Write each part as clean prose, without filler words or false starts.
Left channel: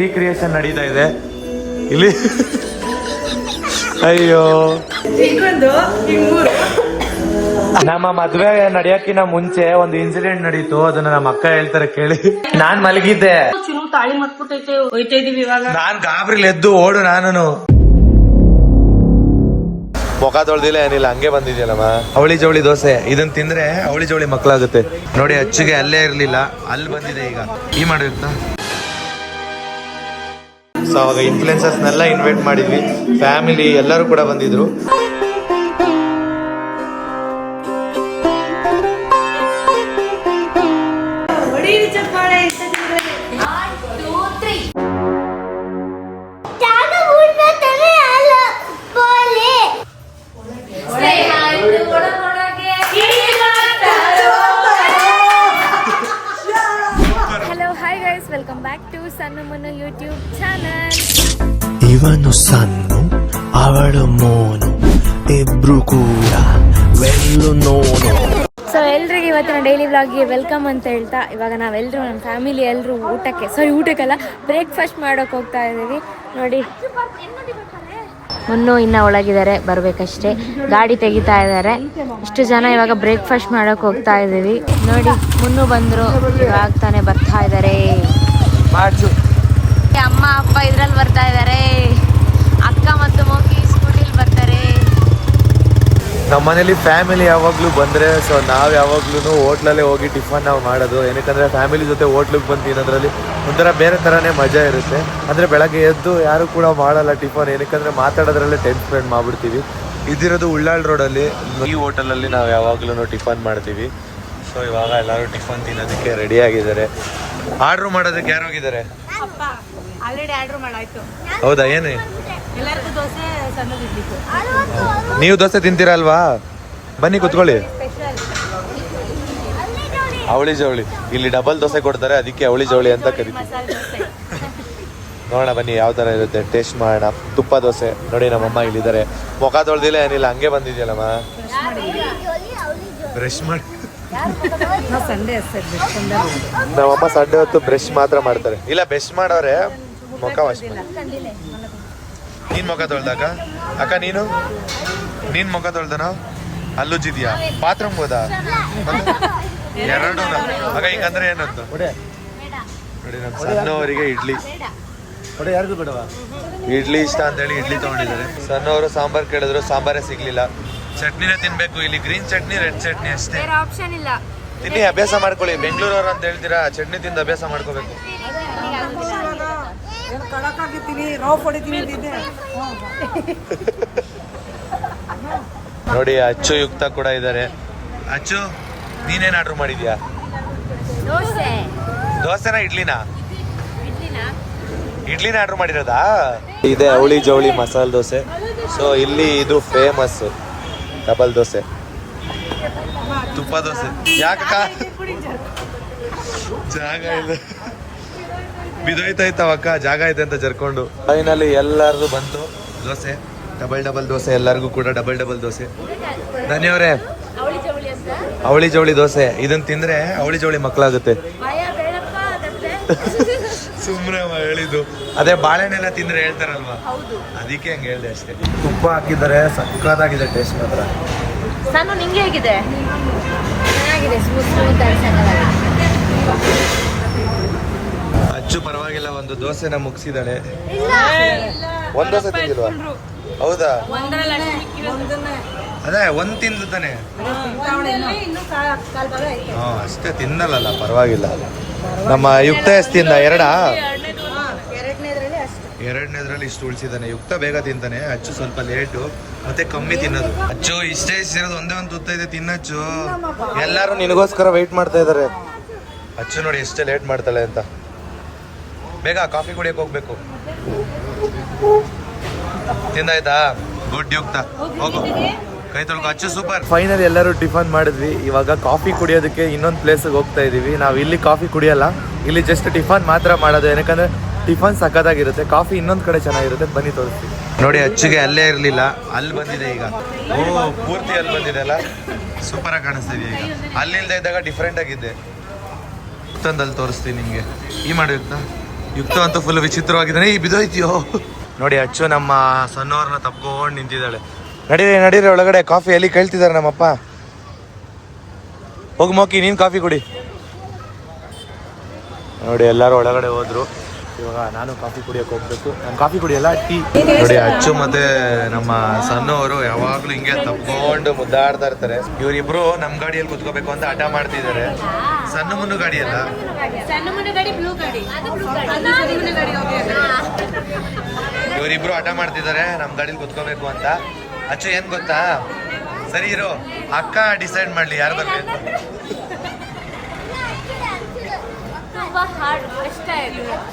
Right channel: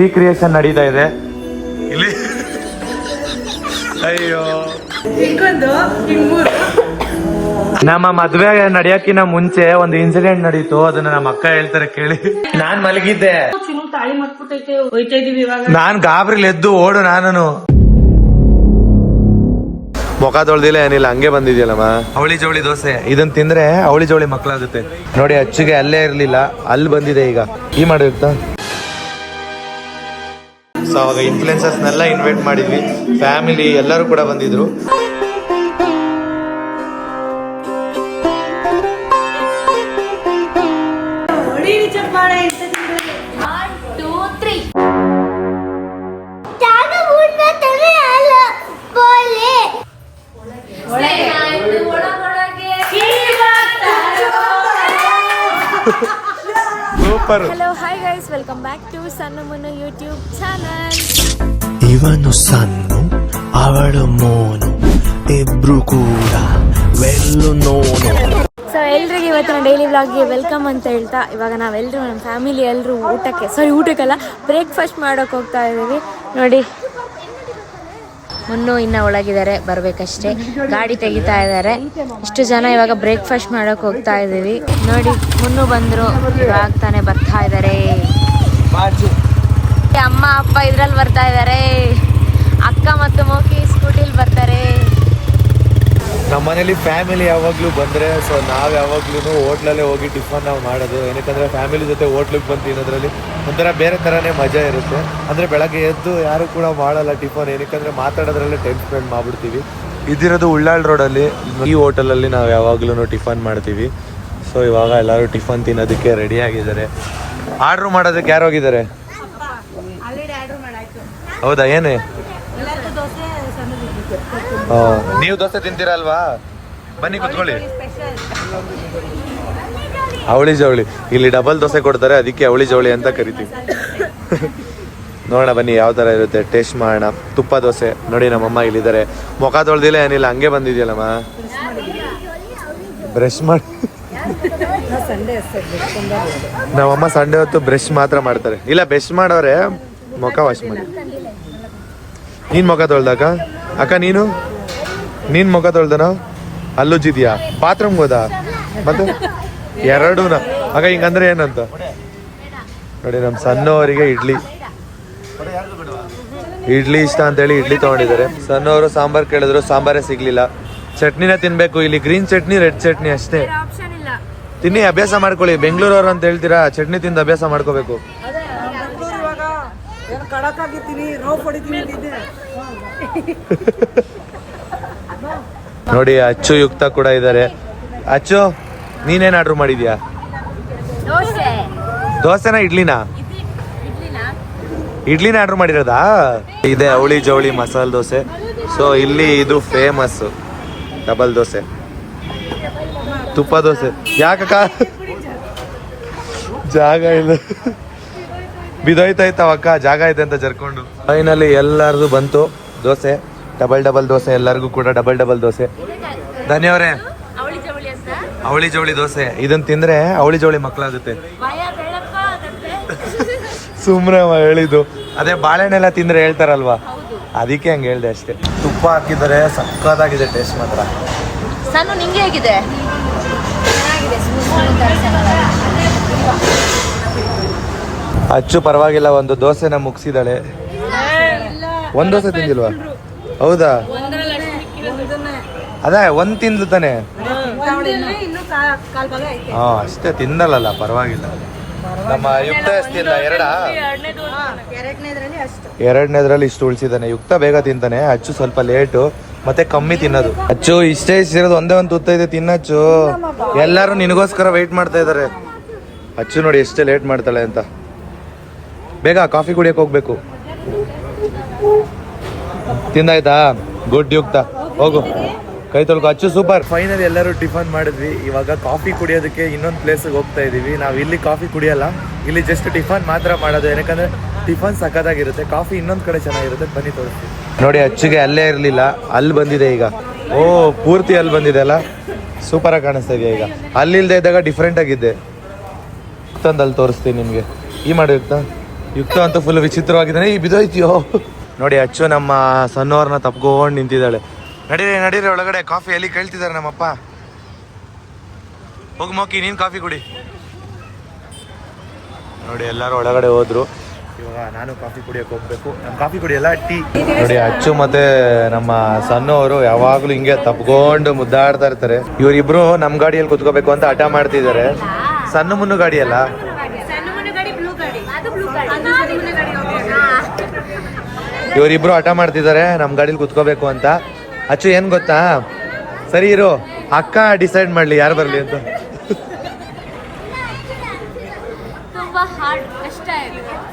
Recreation ನಡೀತಾ ಇದೆ ಇಲ್ಲಿ. ಅಯ್ಯೋ, ನಮ್ಮ ಮದ್ವೆ ನಡೆಯಕ್ಕಿನ ಮುಂಚೆ ಒಂದು ಇನ್ಸಿಡೆಂಟ್ ನಡೀತು, ಅದನ್ನ ನಮ್ಮ ಅಕ್ಕ ಹೇಳ್ತಾರೆ ಕೇಳಿ. ನಾನ್ ಮಲಗಿದ್ದೆ, ತಾಳಿ ಮತ್ಬಿಟ್ಟೈತೆ, ಹೋಯ್ತಾ ಇದೀವಿ ಇವಾಗ. ನಾನ್ ಗಾಬ್ರಿಲ್ ಎದ್ದು ಓಡು, ನಾನು ಮುಖ ತೊಳ್ದಿಲ್ಲ ಏನಿಲ್ಲ, ಹಂಗೆ ಬಂದಿದ್ಯಲ್ಲಮ್ಮ. ಅವಳಿ ಜವಳಿ ದೋಸೆ ಇದನ್ ತಿಂದ್ರೆ ಅವಳಿ ಜವಳಿ ಮಕ್ಳಾಗುತ್ತೆ ನೋಡಿ. ಅಚ್ಚಿಗೆ ಅಲ್ಲೇ ಇರ್ಲಿಲ್ಲ, ಅಲ್ಲಿ ಬಂದಿದೆ ಈಗ. ಈ ಮಾಡಿರ್ತಾ. ಸೊ ಅವಾಗ ಇನ್ಫ್ಲುಯೆನ್ಸರ್ಸ್ನೆಲ್ಲ ಇನ್ವೈಟ್ ಮಾಡಿದ್ವಿ, ಫ್ಯಾಮಿಲಿ ಎಲ್ಲರೂ ಕೂಡ ಬಂದಿದ್ರು. Hello, hi guys, welcome back to ಸಣ್ಣ ಮುನ್ನು ಯೂಟ್ಯೂಬ್ ಚಾನಲ್. ಇವನು ಸಣ್ಣು, ಅವಳು ಮೋನು, ಇಬ್ರು ಕೂಡ ವೆಲ್ಲು ನೋನು. ಸೊ ಎಲ್ರಿಗೂ ಇವತ್ತಿನ ಡೈಲಿ ವ್ಲಾಗ್ಗೆ ವೆಲ್ಕಮ್ ಅಂತ ಹೇಳ್ತಾ, ಇವಾಗ ನಾವೆಲ್ಲರೂ ನಮ್ಮ ಫ್ಯಾಮಿಲಿ ಎಲ್ಲರೂ ಊಟಕ್ಕೆಲ್ಲ ಬ್ರೇಕ್ಫಾಸ್ಟ್ ಮಾಡೋಕೆ ಹೋಗ್ತಾ ಇದ್ದೀವಿ. ನೋಡಿ, ಮುನ್ನು ಇನ್ನ ಒಳಗಿದ್ದಾರೆ, ಬರ್ಬೇಕಷ್ಟೇ. ಗಾಡಿ ತೆಗಿತಾ ಇದ್ದಾರೆ. ಇಷ್ಟು ಜನ ಇವಾಗ ಬ್ರೇಕ್ಫಾಸ್ಟ್ ಮಾಡೋಕೆ ಹೋಗ್ತಾ ಇದ್ದೀವಿ. ನೋಡಿ, ಮುನ್ನು ಬಂದ್ರು, ಇವಾಗ ತಾನೇ ಬರ್ತಾ ಇದ್ದಾರೆ. ಅಮ್ಮ ಅಪ್ಪ ಇದ್ರಲ್ಲಿ ಬರ್ತಾ ಇದ್ದಾರೆ, ಅಕ್ಕ ಮತ್ತು ಮೋಕಿ ಸ್ಕೂಟಿಲಿ ಬರ್ತಾರೆ. ನಮ್ಮನೇಲಿ ಫ್ಯಾಮಿಲಿ ಯಾವಾಗ್ಲೂ ಬಂದ್ರೆ, ಸೊ ನಾವ್ ಯಾವಾಗ್ಲೂ ಹೋಟ್ಲಲ್ಲೇ ಹೋಗಿ ಟಿಫನ್ ನಾವು ಮಾಡೋದು. ಏನಕ್ಕಂದ್ರೆ ಫ್ಯಾಮಿಲಿ ಜೊತೆ ಹೋಟ್ಲಿಗೆ ಬಂದು ತಿನ್ನೋದ್ರಲ್ಲಿ ಒಂಥರ ಬೇರೆ ತರಾನೇ ಮಜಾ ಇರುತ್ತೆ. ಅಂದ್ರೆ ಬೆಳಗ್ಗೆ ಎದ್ದು ಯಾರು ಕೂಡ ಮಾಡಲ್ಲ ಟಿಫನ್, ಏನಕ್ಕಂದ್ರೆ ಮಾತಾಡೋದ್ರಲ್ಲೇ ಟೈಮ್ ಸ್ಪೆಂಡ್ ಮಾಡ್ಬಿಡ್ತೀವಿ. ಇದಿರೋದು ಉಳ್ಳಾಳ್ ರೋಡಲ್ಲಿ, ಈ ಹೋಟೆಲಲ್ಲಿ ನಾವು ಯಾವಾಗ್ಲೂ ಟಿಫನ್ ಮಾಡ್ತೀವಿ. ಸೊ ಇವಾಗ ಎಲ್ಲರೂ ಟಿಫನ್ ತಿನ್ನೋದಕ್ಕೆ ರೆಡಿ ಆಗಿದ್ದಾರೆ. ಆರ್ಡ್ರ್ ಮಾಡೋದಕ್ಕೆ ಯಾರು ಹೋಗಿದ್ದಾರೆ? ಹೌದಾ, ಏನೇ ನೀವು ದೋಸೆ ತಿಂತೀರಲ್ವಾ? ಬನ್ನಿ ಕುತ್ಕೊಳ್ಳಿ. ಅವಳಿ ಜವಳಿ ಇಲ್ಲಿ ಡಬಲ್ ದೋಸೆ ಕೊಡ್ತಾರೆ, ಅದಕ್ಕೆ ಅವಳಿ ಜವಳಿ ಅಂತ ಕರೀತೀವಿ. ನೋಡೋಣ ಬನ್ನಿ ಯಾವ ತರ ಇರುತ್ತೆ, ಟೇಸ್ಟ್ ಮಾಡೋಣ. ತುಪ್ಪ ದೋಸೆ ನೋಡಿ, ನಮ್ಮಮ್ಮ ಇಲ್ಲಿದ್ದಾರೆ. ಮುಖ ತೊಳ್ದಿಲ್ಲ ಏನಿಲ್ಲ, ಹಂಗೆ ಬಂದಿದ್ಯಲ್ಲಮ್ಮ. ಬ್ರಷ್ ಮಾಡಿ ನಮ್ಮಮ್ಮ ಸಂಡೆ ಹೊತ್ತು ಬ್ರಷ್ ಮಾತ್ರ ಮಾಡ್ತಾರೆ. ಇಲ್ಲ, ಬ್ರಷ್ ಮಾಡೋರೆ, ಮುಖ ವಾಶ್ ಮಾಡಿ. ನೀನ್ ಮುಖ ತೊಳ್ದಾಗ ಅಕ್ಕ, ನೀನ್ ಮುಖ ತೊಳ್ದನ? ಅಲ್ಲುಜ್ಜಿದ್ಯಾ? ಬಾತ್ರೂಮ್ ಹೋದ? ಮತ್ತೆ ಎರಡೂನ ಆಗ ಹಿಂಗಂದ್ರೆ ಏನಂತ ನೋಡಿ. ನಮ್ ಸಣ್ಣವರಿಗೆ ಇಡ್ಲಿ ಇಷ್ಟ ಅಂತೇಳಿ ಇಡ್ಲಿ ತಗೊಂಡಿದ್ದಾರೆ. ಸಣ್ಣವರು ಸಾಂಬಾರ್ ಕೇಳಿದ್ರು, ಸಾಂಬಾರೇ ಸಿಗ್ಲಿಲ್ಲ. ಚಟ್ನಿನ ತಿನ್ಬೇಕು, ಇಲ್ಲಿ ಗ್ರೀನ್ ಚಟ್ನಿ, ರೆಡ್ ಚಟ್ನಿ ಅಷ್ಟೇ. ತಿನ್ನಿ, ಅಭ್ಯಾಸ ಮಾಡ್ಕೊಳ್ಳಿ. ಬೆಂಗಳೂರವ್ರು ಅಂತ ಹೇಳ್ತೀರಾ, ಚಟ್ನಿ ತಿಂದು ಅಭ್ಯಾಸ ಮಾಡ್ಕೋಬೇಕು. ನೋಡಿ, ಅಚ್ಚು ಯುಕ್ತ ಕೂಡ ಇದ್ದಾರೆ. ಅಚ್ಚು, ನೀನೇನ್ ಆರ್ಡರ್ ಮಾಡಿದ್ಯಾ? ದೋಸೆನಾ ಇಡ್ಲಿನಾ? ಇಡ್ಲಿನ ಆರ್ಡರ್ ಮಾಡಿರೋದಾ? ಇದೆ ಅವಳಿ ಜವಳಿ ಮಸಾಲೆ ದೋಸೆ. ಸೊ ಇಲ್ಲಿ ಇದು ಫೇಮಸ್ ಡಬಲ್ ದೋಸೆ, ತುಪ್ಪ ದೋಸೆ. ಯಾಕಕ್ಕ ಜಾಗ ಇದು ಬಿದೋಯ್ತಾಯ್ತವಕ್ಕ, ಜಾಗ ಇದೆ ಅಂತ ಜರ್ಕೊಂಡು. ಫೈನಲಿ ಎಲ್ಲರಿಗೂ ಬಂತು ದೋಸೆ, ಡಬಲ್ ದೋಸೆ. ಎಲ್ಲರಿಗೂ ಕೂಡ ಡಬಲ್ ದೋಸೆ. ಧನ್ಯವರೇ, ಅವಳಿ ಜವಳಿ ದೋಸೆ ಇದನ್ನ ತಿಂದ್ರೆ ಅವಳಿ ಜವಳಿ ಮಕ್ಕಳಾಗುತ್ತೆ. ಸುಮ್ನೆ ಹೇಳಿದ್ದು, ಅದೇ ಬಾಳೆಹಣ್ಣೆಲ್ಲ ತಿಂದ್ರೆ ಹೇಳ್ತಾರಲ್ವಾ, ಅದಕ್ಕೆ ಹಂಗೆ ಹೇಳ್ದೆ ಅಷ್ಟೇ. ತುಪ್ಪ ಹಾಕಿದರೆ ಸಕ್ಕತ್ತಾಗಿದೆ, ಟೇಸ್ಟ್ ಮಾತ್ರ. ನಾನು ನಿಂಗೆ ಹೇಗಿದೆ? ಅಚ್ಚು ಪರವಾಗಿಲ್ಲ, ಒಂದು ದೋಸೆನ ಮುಗಿಸಿದಾಳೆ. ಒಂದ್ ದೋಸೆ ತಿಂದಿಲ್ವಾ? ಹೌದಾ? ಅದೇ ಒಂದ್ ತಿಂದು ತಾನೆ. ಹಾ, ಅಷ್ಟೇ ತಿಂದಲ್ಲ, ಪರವಾಗಿಲ್ಲ. ನಮ್ಮ ಯುಕ್ತ ಎಷ್ಟು ತಿಂದ? ಎರಡನೇದ್ರಲ್ಲಿ ಇಷ್ಟು ಉಳಿಸಿದಾನೆ. ಯುಕ್ತ ಬೇಗ ತಿಂತಾನೆ, ಅಚ್ಚು ಸ್ವಲ್ಪ ಲೇಟು, ಮತ್ತೆ ಕಮ್ಮಿ ತಿನ್ನೋದು. ಅಚ್ಚು ಇಷ್ಟೇ ಇರೋದು, ಒಂದೇ ಒಂದು ತುತ್ತ ಇದೆ, ತಿನ್ನಚ್ಚು. ಎಲ್ಲರೂ ನಿನಗೋಸ್ಕರ ವೆಯ್ಟ್ ಮಾಡ್ತಾ ಇದಾರೆ. ಅಚ್ಚು ನೋಡಿ ಎಷ್ಟೇ ಲೇಟ್ ಮಾಡ್ತಾಳೆ ಅಂತ. ಬೇಗ ಕಾಫಿ ಕುಡಿಯಕ್ಕೆ ಹೋಗ್ಬೇಕು. ತಿಂದಾಯ್ತಾ? ಗುಡ್ ಯುಕ್ತ, ಹೋಗು ಕೈ ತೊಳ್ಕೊ. ಅಚ್ಚು ಸೂಪರ್. ಫೈನಲ್ ಎಲ್ಲರೂ ಟಿಫನ್ ಮಾಡಿದ್ವಿ. ಇವಾಗ ಕಾಫಿ ಕುಡಿಯೋದಕ್ಕೆ ಇನ್ನೊಂದು ಪ್ಲೇಸಿಗೆ ಹೋಗ್ತಾ ಇದೀವಿ. ನಾವು ಇಲ್ಲಿ ಕಾಫಿ ಕುಡಿಯಲ್ಲ, ಇಲ್ಲಿ ಜಸ್ಟ್ ಟಿಫನ್ ಮಾತ್ರ ಮಾಡೋದು. ಏನಕ್ಕಂದ್ರೆ ಟಿಫನ್ ಸಖತ್ತಾಗಿರುತ್ತೆ, ಕಾಫಿ ಇನ್ನೊಂದು ಕಡೆ ಚೆನ್ನಾಗಿರುತ್ತೆ. ಬನ್ನಿ ತೋರಿಸ್ತೀವಿ. ನೋಡಿ, ಅಚ್ಚಿಗೆ ಅಲ್ಲೇ ಇರಲಿಲ್ಲ, ಅಲ್ಲಿ ಬಂದಿದೆ ಈಗ. ಓ, ಪೂರ್ತಿ ಅಲ್ಲಿ ಬಂದಿದೆ ಅಲ್ಲ, ಸೂಪರ್ ಆಗಿ ಕಾಣಿಸ್ತಾ ಇದೆಯಾ ಈಗ. ಅಲ್ಲಿಲ್ದೇ ಇದ್ದಾಗ ಡಿಫ್ರೆಂಟ್ ಆಗಿದ್ದೆ. ತಂದು ಅಲ್ಲಿ ತೋರಿಸ್ತೀನಿ ನಿಮಗೆ. ಈ ಮಾಡಿರ್ತಾ ಯುಕ್ತ ಅಂತೂ ಫುಲ್ ವಿಚಿತ್ರವಾಗಿದ್ದಾನೆ. ಈ ಬಿದೋಯ್ತಿಯೋ ನೋಡಿ. ಅಚ್ಚು ನಮ್ಮ ಸಣ್ಣವ್ರನ್ನ ತಪ್ಕೊಂಡು ನಿಂತಿದ್ದಾಳೆ. ನಡೀರಿ ಒಳಗಡೆ. ಕಾಫಿ ಎಲ್ಲಿ ಕೇಳ್ತಿದ್ದಾರೆ ನಮ್ಮಪ್ಪ. ಹೋಗಿ ಮೋಕಿ ನೀನು ಕಾಫಿ ಕುಡಿ. ನೋಡಿ ಎಲ್ಲರೂ ಒಳಗಡೆ ಹೋದ್ರು. ಇವಾಗ ನಾನು ಕಾಫಿ ಕುಡಿಯೋಕೆ ಹೋಗ್ಬೇಕು. ನಾನು ಕಾಫಿ ಕುಡಿಯಲ್ಲ, ಟೀ. ನೋಡಿ ಅಚ್ಚು ಮತ್ತೆ ನಮ್ಮ ಸಣ್ಣವರು ಯಾವಾಗ್ಲೂ ಹಿಂಗೆ ತಪ್ಕೊಂಡು ಮುದ್ದಾಡ್ತಾ ಇರ್ತಾರೆ. ಇವರಿಬ್ರು ನಮ್ಮ ಗಾಡಿಯಲ್ಲಿ ಕುತ್ಕೋಬೇಕು ಅಂತ ಹಠ ಮಾಡ್ತಿದ್ದಾರೆ. ಸಣ್ಣ ಮುನ್ನು ಗಾಡಿ ಅಲ್ಲ, ಇವರಿಬ್ರು ಹಠ ಮಾಡ್ತಿದ್ದಾರೆ ನಮ್ಮ ಗಾಡಿಲಿ ಕುತ್ಕೋಬೇಕು ಅಂತ. ಅಚ್ಚು ಏನ್ ಗೊತ್ತಾ, ಸರಿ ಇರು, ಅಕ್ಕ ಡಿಸೈಡ್ ಮಾಡ್ಲಿ ಯಾರು ಬರ್ಲಿ ಅಂತ.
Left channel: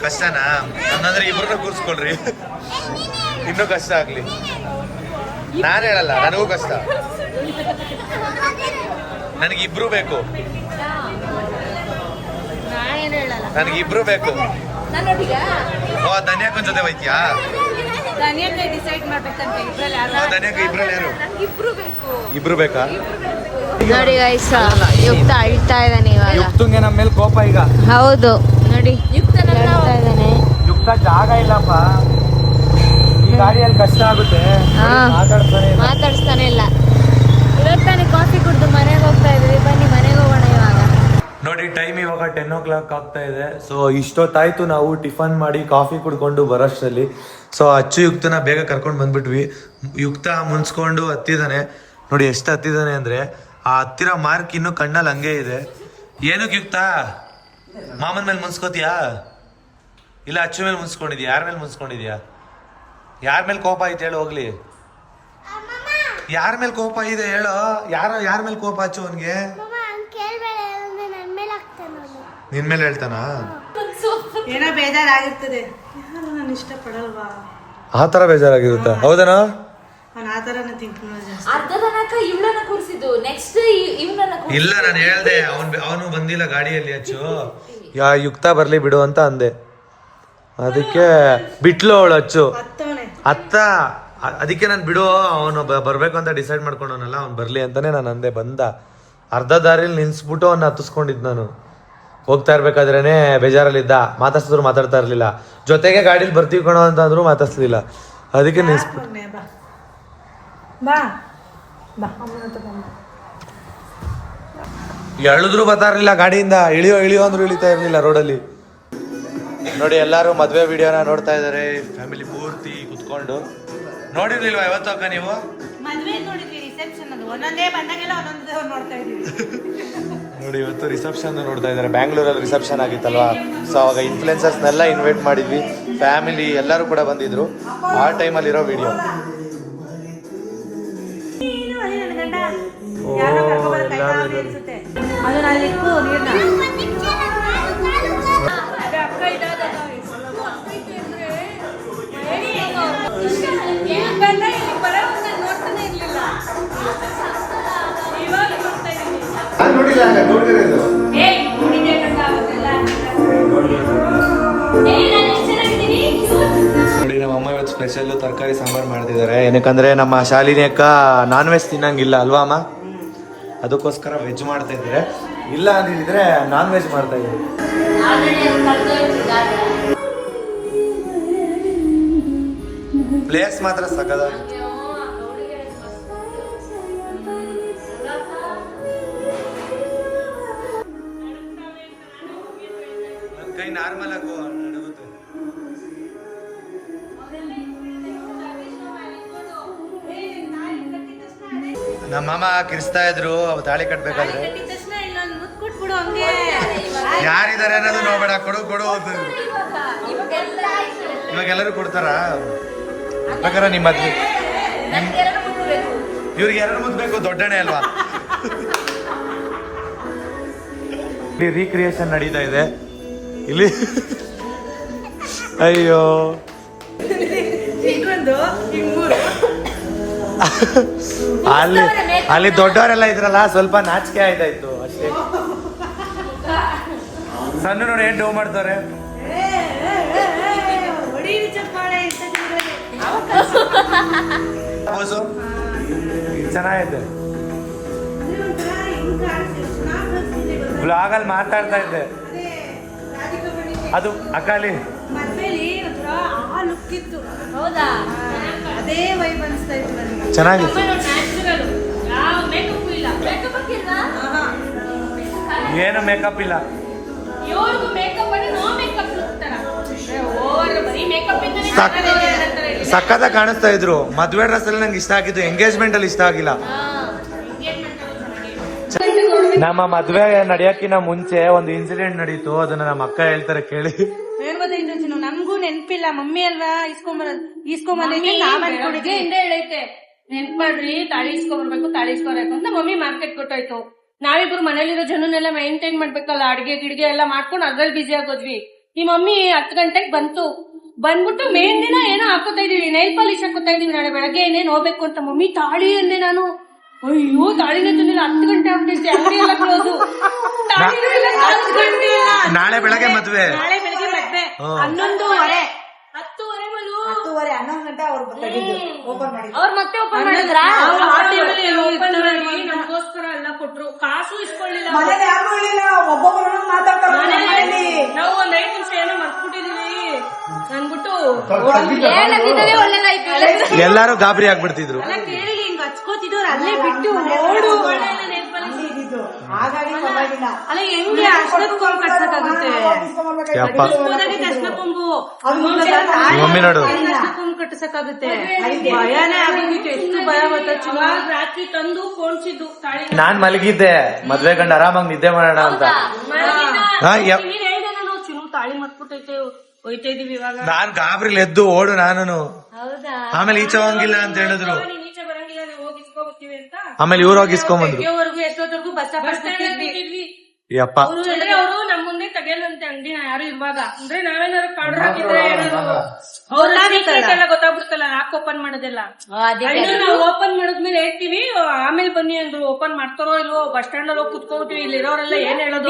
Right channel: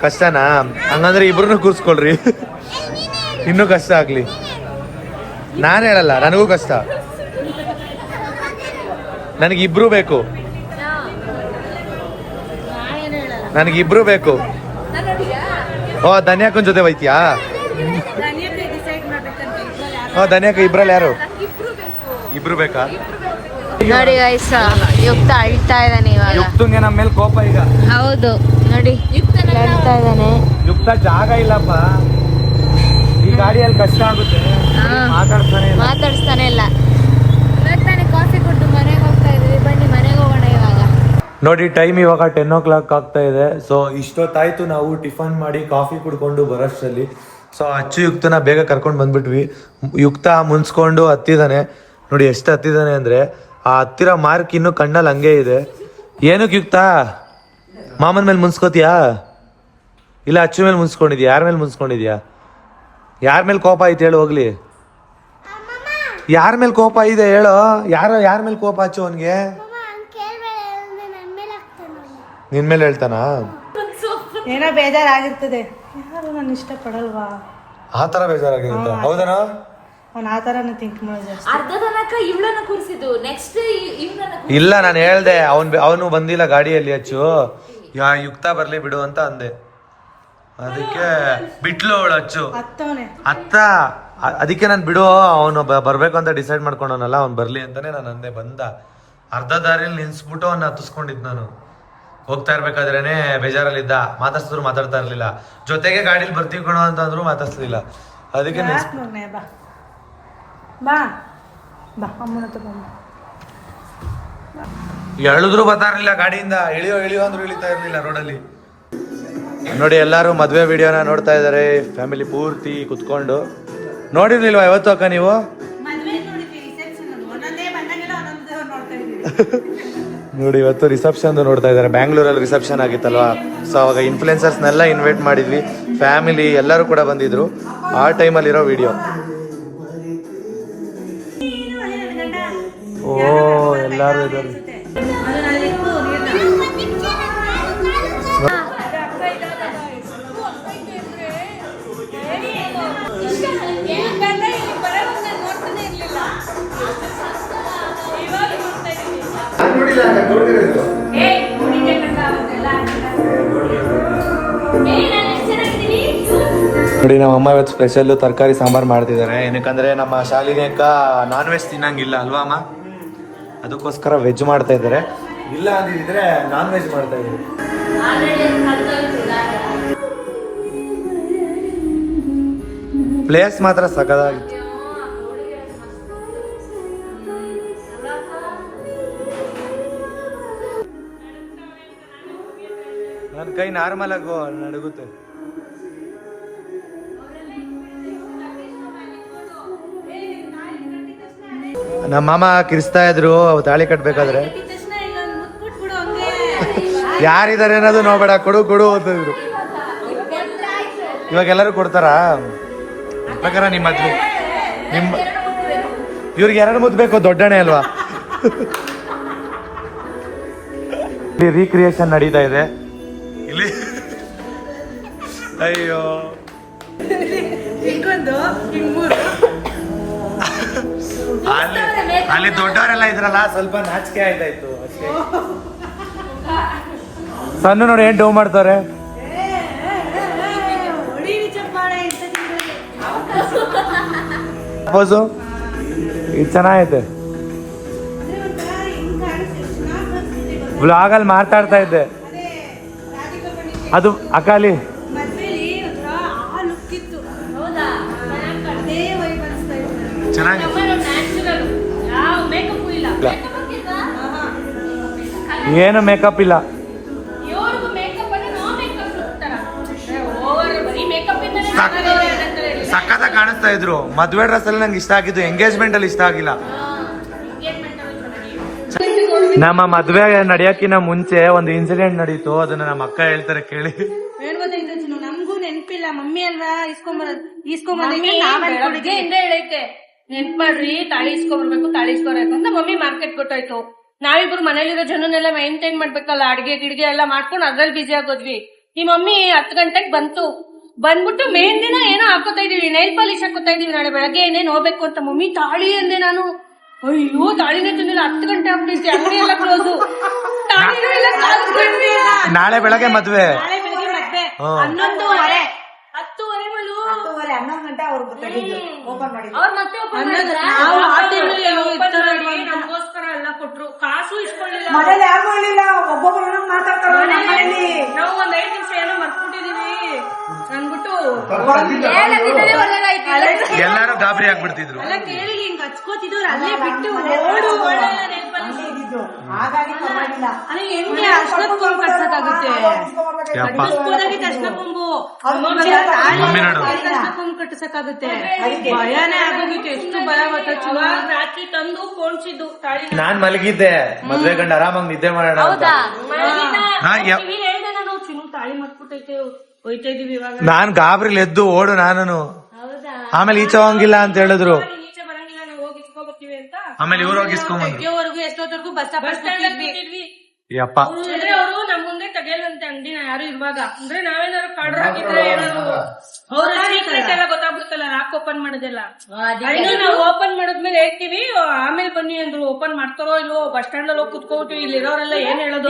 ಕಷ್ಟನಾ? ಹಂಗಂದ್ರೆ ಇಬ್ರು ಕೂರ್ಸ್ಕೊಳ್ರಿ, ಇನ್ನೂ ಕಷ್ಟ ಆಗ್ಲಿ. ನಾನು ಹೇಳಲ್ಲ, ನನಗೂ ಕಷ್ಟ. ನನಗಿಬ್ರು ಬೇಕು, ನನಗಿಬ್ರು ಬೇಕು. ಓ ಧನ್ಯಾಕನ್ ಜೊತೆ ಹೋಯ್ತಿಯಾ? ಧನ್ಯಾಕ ಇಬ್ರಲ್ಲಿ ಯಾರು? ಇಬ್ರು ಬೇಕಾ? ನೋಡಿ ಗೈಸ್, ಯುಕ್ತ ಅಳ್ತಾ ಇದ್ದಾನೆ ಇವಾಗ. ಯುಕ್ತಂಗೆ ನಮ್ಮ ಮೇಲೆ ಕೋಪ ಈಗ. ಹೌದು ನೋಡಿ, ಅಳ್ತಾ ಇದ್ದಾನೆ. ಯುಕ್ತ ಜಾಗ ಇಲ್ಲಪ್ಪ, ಈ ಗಾಡಿಯಲ್ಲಿ ಕಷ್ಟ ಆಗುತ್ತೆ. ಮಾತಾಡಿಸ್ತಾನೆ ಇಲ್ಲ. ಇವತ್ತಾನೆ ಕಾಫಿ ಕುಡ್ದು ಮನೆಗೆ ಹೋಗ್ತಾ ಇದೀವಿ. ಬನ್ನಿ ಮನೆಗೆ ಹೋಗೋಣ ಇವಾಗ. ನೋಡಿ ಟೈಮ್ ಇವಾಗ 10 o'clock ಆಗ್ತಾ ಇದೆ. ಸೊ ಇಷ್ಟೊತ್ತಾಯ್ತು ನಾವು ಟಿಫನ್ ಮಾಡಿ ಕಾಫಿ ಕುಡ್ಕೊಂಡು ಬರೋಷ್ಟರಲ್ಲಿ. ಸೊ ಅಚ್ಚು ಯುಕ್ತನ ಬೇಗ ಕರ್ಕೊಂಡು ಬಂದ್ಬಿಟ್ವಿ. ಯುಕ್ತ ಮುನ್ಸ್ಕೊಂಡು ಹತ್ತಿದ್ದಾನೆ. ನೋಡಿ ಎಷ್ಟು ಹತ್ತಿದ್ದಾನೆ ಅಂದ್ರೆ, ಆ ಹತ್ತಿರ ಮಾರ್ಕ್ ಇನ್ನು ಕಣ್ಣಲ್ಲಿ ಹಂಗೆ ಇದೆ. ಏನಕ್ಕೆ ಯುಕ್ತ? ಮಾಮನ ಮೇಲೆ ಮುನ್ಸ್ಕೋತಿಯಾ ಇಲ್ಲ ಅಚ್ಚು ಮೇಲೆ ಮುನ್ಸ್ಕೊಂಡಿದ್ಯಾ? ಯಾರ ಮೇಲೆ ಮುನ್ಸ್ಕೊಂಡಿದ್ಯಾ? ಯಾರ ಮೇಲೆ ಕೋಪ ಐತೆ ಹೇಳು ಹೋಗ್ಲಿ. ಯಾರ ಮೇಲೆ ಕೋಪ ಇದೆ ಹೇಳು? ಯಾರ ಮೇಲೆ ಕೋಪ ಅಚ್ಚು ಅವನ್ಗೆ? ನಿನ್ ಮೇಲೆ ಹೇಳ್ತಾನ? ಏನೋ ಬೇಜಾರಾಗಿರ್ತದೆ, ನಾನು ಇಷ್ಟಪಡಲ್ವಾ ಆ ತರ ಬೇಜಾರಾಗಿರುತ್ತಾ? ಹೌದನಾ? ಇಲ್ಲ ನಾನು ಹೇಳ್ದೆ ಅವನು ಬಂದಿಲ್ಲ ಗಾಡಿಯಲ್ಲಿ. ಅಚ್ಚು ಯುಕ್ತ ಬರ್ಲಿ ಬಿಡು ಅಂತ ಅಂದೆ. ಅದಕ್ಕೆ ಬಿಟ್ಲು ಅವಳು ಅಚ್ಚು. ಅತ್ತ ಅದಕ್ಕೆ ನಾನು ಬಿಡು, ಅವನು ಬರ್ಬೇಕು ಅಂತ ಡಿಸೈಡ್ ಮಾಡ್ಕೊಂಡವನಲ್ಲ, ಅವ್ನು ಬರ್ಲಿ ಅಂತಾನೆ ನಾನು ಅಂದೆ. ಬಂದ ಅರ್ಧ ದಾರಿಯಲ್ಲಿ ನಿಲ್ಸ್ಬಿಟ್ಟು ಅವ್ನ ಹತ್ತಿಸ್ಕೊಂಡಿದ್ ನಾನು. ಹೋಗ್ತಾ ಇರ್ಬೇಕಾದ್ರೇನೆ ಬೇಜಾರಲ್ಲಿದ್ದ, ಮಾತಾಡ್ಸಿದ್ರು ಮಾತಾಡ್ತಾ ಇರ್ಲಿಲ್ಲ. ಜೊತೆಗೆ ಗಾಡಿಲಿ ಬರ್ತೀವಿ ಕಣೋ ಅಂತ ಅಂದ್ರು ಮಾತಾಡ್ಸ್ಲಿಲ್ಲ. ಅದಕ್ಕೆ ನಿಲ್ಸ್ಬಿಟ್ಟು ಎಳಿದ್ರು ಬರ್ತಾ ಇರ್ಲಿಲ್ಲ ಗಾಡಿಯಿಂದ. ಇಳಿಯೋ ಅಂದ್ರು ಇಳಿತಾ ಇರ್ಲಿಲ್ಲ ರೋಡಲ್ಲಿ. ನೋಡಿ ಎಲ್ಲಾರು ಮದ್ವೆ ವಿಡಿಯೋನ ನೋಡ್ತಾ ಇದಾರೆ, ಫ್ಯಾಮಿಲಿ ಪೂರ್ತಿ ಕುತ್ಕೊಂಡು. ನೋಡಿರ್ಲಿಲ್ವಾ ಇವತ್ತು ಅಕ್ಕ ನೀವು? ನೋಡಿ ಇವತ್ತು ರಿಸೆಪ್ಷನ್ ನೋಡ್ತಾ ಇದಾರೆ. ಬ್ಯಾಂಗ್ಳೂರಲ್ಲಿ ರಿಸೆಪ್ಷನ್ ಆಗಿತ್ತಲ್ವಾ, ಸೊ ಅವಾಗ ಇನ್ಫ್ಲುಯೆನ್ಸರ್ಸ್ನೆಲ್ಲ ಇನ್ವೈಟ್ ಮಾಡಿದ್ವಿ. ಫ್ಯಾಮಿಲಿ ಎಲ್ಲರೂ ಕೂಡ ಬಂದಿದ್ರು. ಆ ಟೈಮಲ್ಲಿರೋ ವಿಡಿಯೋ. ಓ ಎಲ್ಲಾರು ಇದ್ದಾರೆ. ನೋಡಿ ನಮ್ಮಮ್ಮ ಇವತ್ತು ಸ್ಪೆಷಲ್ಲು ತರಕಾರಿ ಸಾಂಬಾರು ಮಾಡ್ತಿದ್ದಾರೆ. ಏನಕ್ಕಂದ್ರೆ ನಮ್ಮ ಶಾಲಿನಿ ಅಕ್ಕ ನಾನ್ ವೆಜ್ ತಿನ್ನಂಗಿಲ್ಲ ಅಲ್ವಾ ಅಮ್ಮ? ಅದಕ್ಕೋಸ್ಕರ ವೆಜ್ ಮಾಡ್ತಾ ಇದ್ದಾರೆ. ಇಲ್ಲ ಅಂದಿದ್ರೆ ನಾನ್ ವೆಜ್ ಮಾಡ್ತಾ ಇದ್ರು. ಪ್ಲೇಸ್ ಮಾತ್ರ ಸಕದಾಗಿ. ನನ್ನ ಕೈ ನಾರ್ಮಲ್ ಆಗಿ ನಡುಗುತ್ತೆ. ನಮ್ಮ ಮಾಮ ಕಿರಿಸ್ತಾ ಇದ್ರು ತಾಳಿ ಕಟ್ಬೇಕಾದ್ರೆ. ಯಾರಿದ್ದಾರೆ ಅನ್ನೋದು ನೋಡ್ಬೇಡ, ಕೊಡು ಅಂತಿದ್ರು. ಇವಾಗ ಎಲ್ಲರೂ ಕೊಡ್ತಾರಾ? ಪ್ರಕಾರ ನಿಮ್ಮ ಮದ್ವೆ ಇವ್ರಿಗೆ 2 ಮುದ್ದು ಬೇಕು, ದೊಡ್ಡಣೆ ಅಲ್ವಾ? ಇಲ್ಲಿ ರೀಕ್ರಿಯೇಷನ್ ನಡೀತಾ ಇದೆ ಇಲ್ಲಿ. ಅಯ್ಯೋ ಅಲ್ಲಿ ದೊಡ್ಡವರೆಲ್ಲ ಇದ್ರಲ್ಲ, ಸ್ವಲ್ಪ ನಾಚಿಕೆ ಆಯ್ತಾಯ್ತು ಅಷ್ಟೇ. ಸಣ್ಣ ನೋಡಿ ಏನ್ ಡೋ ಮಾಡ್ತಾರೆ. ಇದು ಚೆನ್ನಾಗೈತೆ. ವ್ಲಾಗಲ್ಲಿ ಮಾತಾಡ್ತಾ ಇದ್ದೆ. ಅದು ಅಕ್ಕಾಲಿ ಲುಕ್ ಇತ್ತು. ಹೌದಾ? ಅದೇ ವೈಬ್ ಅನ್ಸ್ತಾ ಇತ್ತು ನನಗೆ. ಚೆನ್ನಾಗಿ ನ್ಯಾಚುರಲ್, ಯಾವ ಮೇಕಪ್ ಇಲ್ಲ. ಏನು ಮೇಕಪ್ ಇಲ್ಲ. ಇವ್ರಿಗೂ ಮೇಕಪ್ ಅಂದ್ರೆ ನೋ ಮೇಕಪ್ ಲುಕ್ ತರ ಓವರ್ ಬರೀ ಮೇಕಪ್ ಇಂದನೇ ಸಕ್ಕತ್ತ ಕಾಣಿಸ್ತಾ ಇದ್ರು. ಮದ್ವೆ ಡ್ರೆಸ್ ಅಲ್ಲಿ ನಂಗೆ ಇಷ್ಟ ಆಗಿದ್ದು, ಎಂಗೇಜ್ಮೆಂಟ್ ಅಲ್ಲಿ ಇಷ್ಟ ಆಗಿಲ್ಲ. ನಮ್ಮ ಮದ್ವೆ ನಡೆಯಕ್ಕಿನ ಮುಂಚೆ ಒಂದು ಇನ್ಸಿಡೆಂಟ್ ನಡೀತು, ಅದನ್ನ ನಮ್ಮ ಅಕ್ಕ ಹೇಳ್ತಾರೆ ಕೇಳಿ. ಏನ್ ಗೊತ್ತಾಯ್ತು ಚಿನ್ನು, ನಮ್ಗೂ ನೆನ್ಪಿಲ್ಲ. ಮಮ್ಮಿ ಅಲ್ವಾ ಇಸ್ಕೊಂಬಂದೈತೆ ಹಿಂದೆ ಹೇಳೈತೆ, ನೆನ್ಪ್ ಮಾಡ್ರಿ ತಾಳಿ ಇಸ್ಕೊಂಡ್ಬರ್ಬೇಕು, ತಾಳಿ ಇಸ್ಕೊಬೇಕು ಅಂತ ಮಮ್ಮಿ ಮಾರ್ಕೆಟ್ ಕೊಟ್ಟಾಯ್ತು. ನಾವಿಬ್ರು ಮನೇಲಿರೋ ಜನನೆಲ್ಲ ಮೈಂಟೈನ್ ಮಾಡ್ಬೇಕಲ್ಲ, ಅಡ್ಗೆ ಗಿಡ್ಗೆ ಎಲ್ಲ ಮಾಡ್ಕೊಂಡು ಅದ್ರಲ್ಲಿ ಬಿಸಿ ಆಗೋದ್ವಿ. ಈ ಮಮ್ಮಿ 10 ಗಂಟೆಗೆ ಬಂದ್ಬಿಟ್ಟು ಮೇನ್ ದಿನ ಏನೋ ಹಾಕೋತಾ ಇದೀವಿ, ನೈಲ್ ಪಾಲಿಶ್ ಹಾಕೋತಾ ಇದೀವಿ, ನಾಳೆ ಬೆಳಗ್ಗೆ ಏನೇನ್ ಹೋಗ್ಬೇಕು ಅಂತ. ಮಮ್ಮಿ ತಾಳಿ ಅಂದೆ ನಾನು. ಅಯ್ಯೋ ತಾಳಿನೇ ತಂದಿಲ್ಲ, 10 ಗಂಟೆ ಆಗ್ಬಿಟ್ಟೈತಿ, ಅಂಗಡಿ ಎಲ್ಲ ಕ್ಲೋಸು. ನಾಳೆ ಬೆಳಗ್ಗೆ ಮದ್ವೆ. ನಾಳೆ ಬೆಳಗ್ಗೆ ಮದ್ವೆ 11:30. 10:30 ಮೇಲೂ 11 ಗಂಟೆ ಅವ್ರು ತೆಗೆದು ಓಪನ್ ಮಾಡಿದ್ರು. ಅವ್ರು ಮತ್ತೆ open ಮಾಡಿದ್ರಾ? ನಮ್ಗೋಸ್ಕರ ಎಲ್ಲ ಕೊಟ್ರು, ಕಾಸು ಇಸ್ಕೊಳ್ಳಿಲ್ಲ. ಮನೇಲಿ ಯಾರು ಹೇಳಿಲ್ಲ, ಒಬ್ಬೊಬ್ಬರು ಮಾತಾಡ್ತಾರೆ ಮನೇಲಿ. ನಾವು ಒಂದ್ 5 ನಿಮಿಷ ಏನೋ ಮರ್ತ್ಬಿಟ್ಟಿದೀವಿ ಅಂದ್ಬಿಟ್ಟು ಎಲ್ಲಾರು ಗಾಬರಿ ಆಗ್ಬಿಡ್ತಿದ್ರು. ಎಲ್ಲ ಕೇಳಿ ಹಿಂಗ್ ಹಚ್ಕೋತಿದ್ರು, ಅಲ್ಲೇ ಬಿಟ್ಟು ಓಡು. ಹಾಗಾಗಿ ಪರವಾಗಿಲ್ಲ. ಅಲ್ಲ ಹೆಂಗೆ ಅರ್ಶನದ ಕೊಂಬು ಕಟ್ಸಕ್ಕಾಗುತ್ತೆ? ಹೋದಾಗಿತ್ತು ಅರ್ಶನ ಕೊಂಬು, ಮಮ್ಮಿ ನೋಡು ಅರ್ಶನ ಕೊಂಬು ಕಟ್ಟಿಸಕ್ಕಾಗುತ್ತೆ? ಭಯನೇ ಆಗೋಗಿತ್ತು. ಎಷ್ಟು ಭಯ ಗೊತ್ತ. ರಾತ್ರಿ ತಂದು ಫೋನ್ಸಿದ್ದು ತಾಳಿ. ನಾನ್ ಮಲಗಿದ್ದೆ, ಮದ್ವೆ ಗಂಡ ಆರಾಮಾಗಿ ನಿದ್ದೆ ಮಾಡೋಣ ಅಂತ. ಹೇಳ್ದೆ ನಾನು, ಚಿನ್ನು ತಾಳಿ ಮರ್ತ್ಬಿಟ್ಟೈತೆ, ಹೋಯ್ತಾ ಇದೀವಿ ಇವಾಗ. ನಾನ್ ಗಾಬರಿಲಿ ಎದ್ದು ಓಡು ನಾನು. ಆಮೇಲೆ ಈಚೆ ಹೋಗಂಗಿಲ್ಲ ಅಂತ ಹೇಳಿದ್ರು. ಈಚೆ ಬರಂಗಿಲ್ಲ, ನಾವು ಹೋಗಿ ಇಸ್ಕೊಬರ್ತೀವಿ ಅಂತ. ಆಮೇಲೆ ಇವ್ರು ಹೋಗಿ ಇಸ್ಕೊಂಬಂದ್ರು. ಎಷ್ಟೊತ್ತವರೆಗೂ ಬಸ್ ಸ್ಟಾಪ್ ಯಪ್ಪ, ಅಂದ್ರೆ ಅವರು ನಮ್ ಮುಂದೆ ತೆಗೆಯಲ್ವಂತೆ ಅಂಗಡಿನ ಯಾರು ಇರುವಾಗ. ಅಂದ್ರೆ ನಾವೇನಾದ್ರು ಕಳ್ರು ಹಾಕಿದ್ರೆ ಏನಾದ್ರು ಅವ್ರ ಎಲ್ಲ ಗೊತ್ತಾಗ್ಬಿಡ್ತಲ್ಲ, ಲಾಕ್ ಓಪನ್ ಮಾಡೋದೆಲ್ಲ. ನಾವು ಓಪನ್ ಮಾಡಿದ್ಮೇಲೆ ಹೇಳ್ತೀವಿ, ಆಮೇಲೆ ಬನ್ನಿ ಅಂದ್ರು. ಓಪನ್ ಮಾಡ್ತಾರೋ ಇಲ್ವೋ, ಬಸ್ ಸ್ಟ್ಯಾಂಡ್ ಅಲ್ಲಿ ಹೋಗಿ ಕುತ್ಕೋತೀವಿ. ಇಲ್ಲಿರೋರೆಲ್ಲ ಏನ್ ಹೇಳೋದು?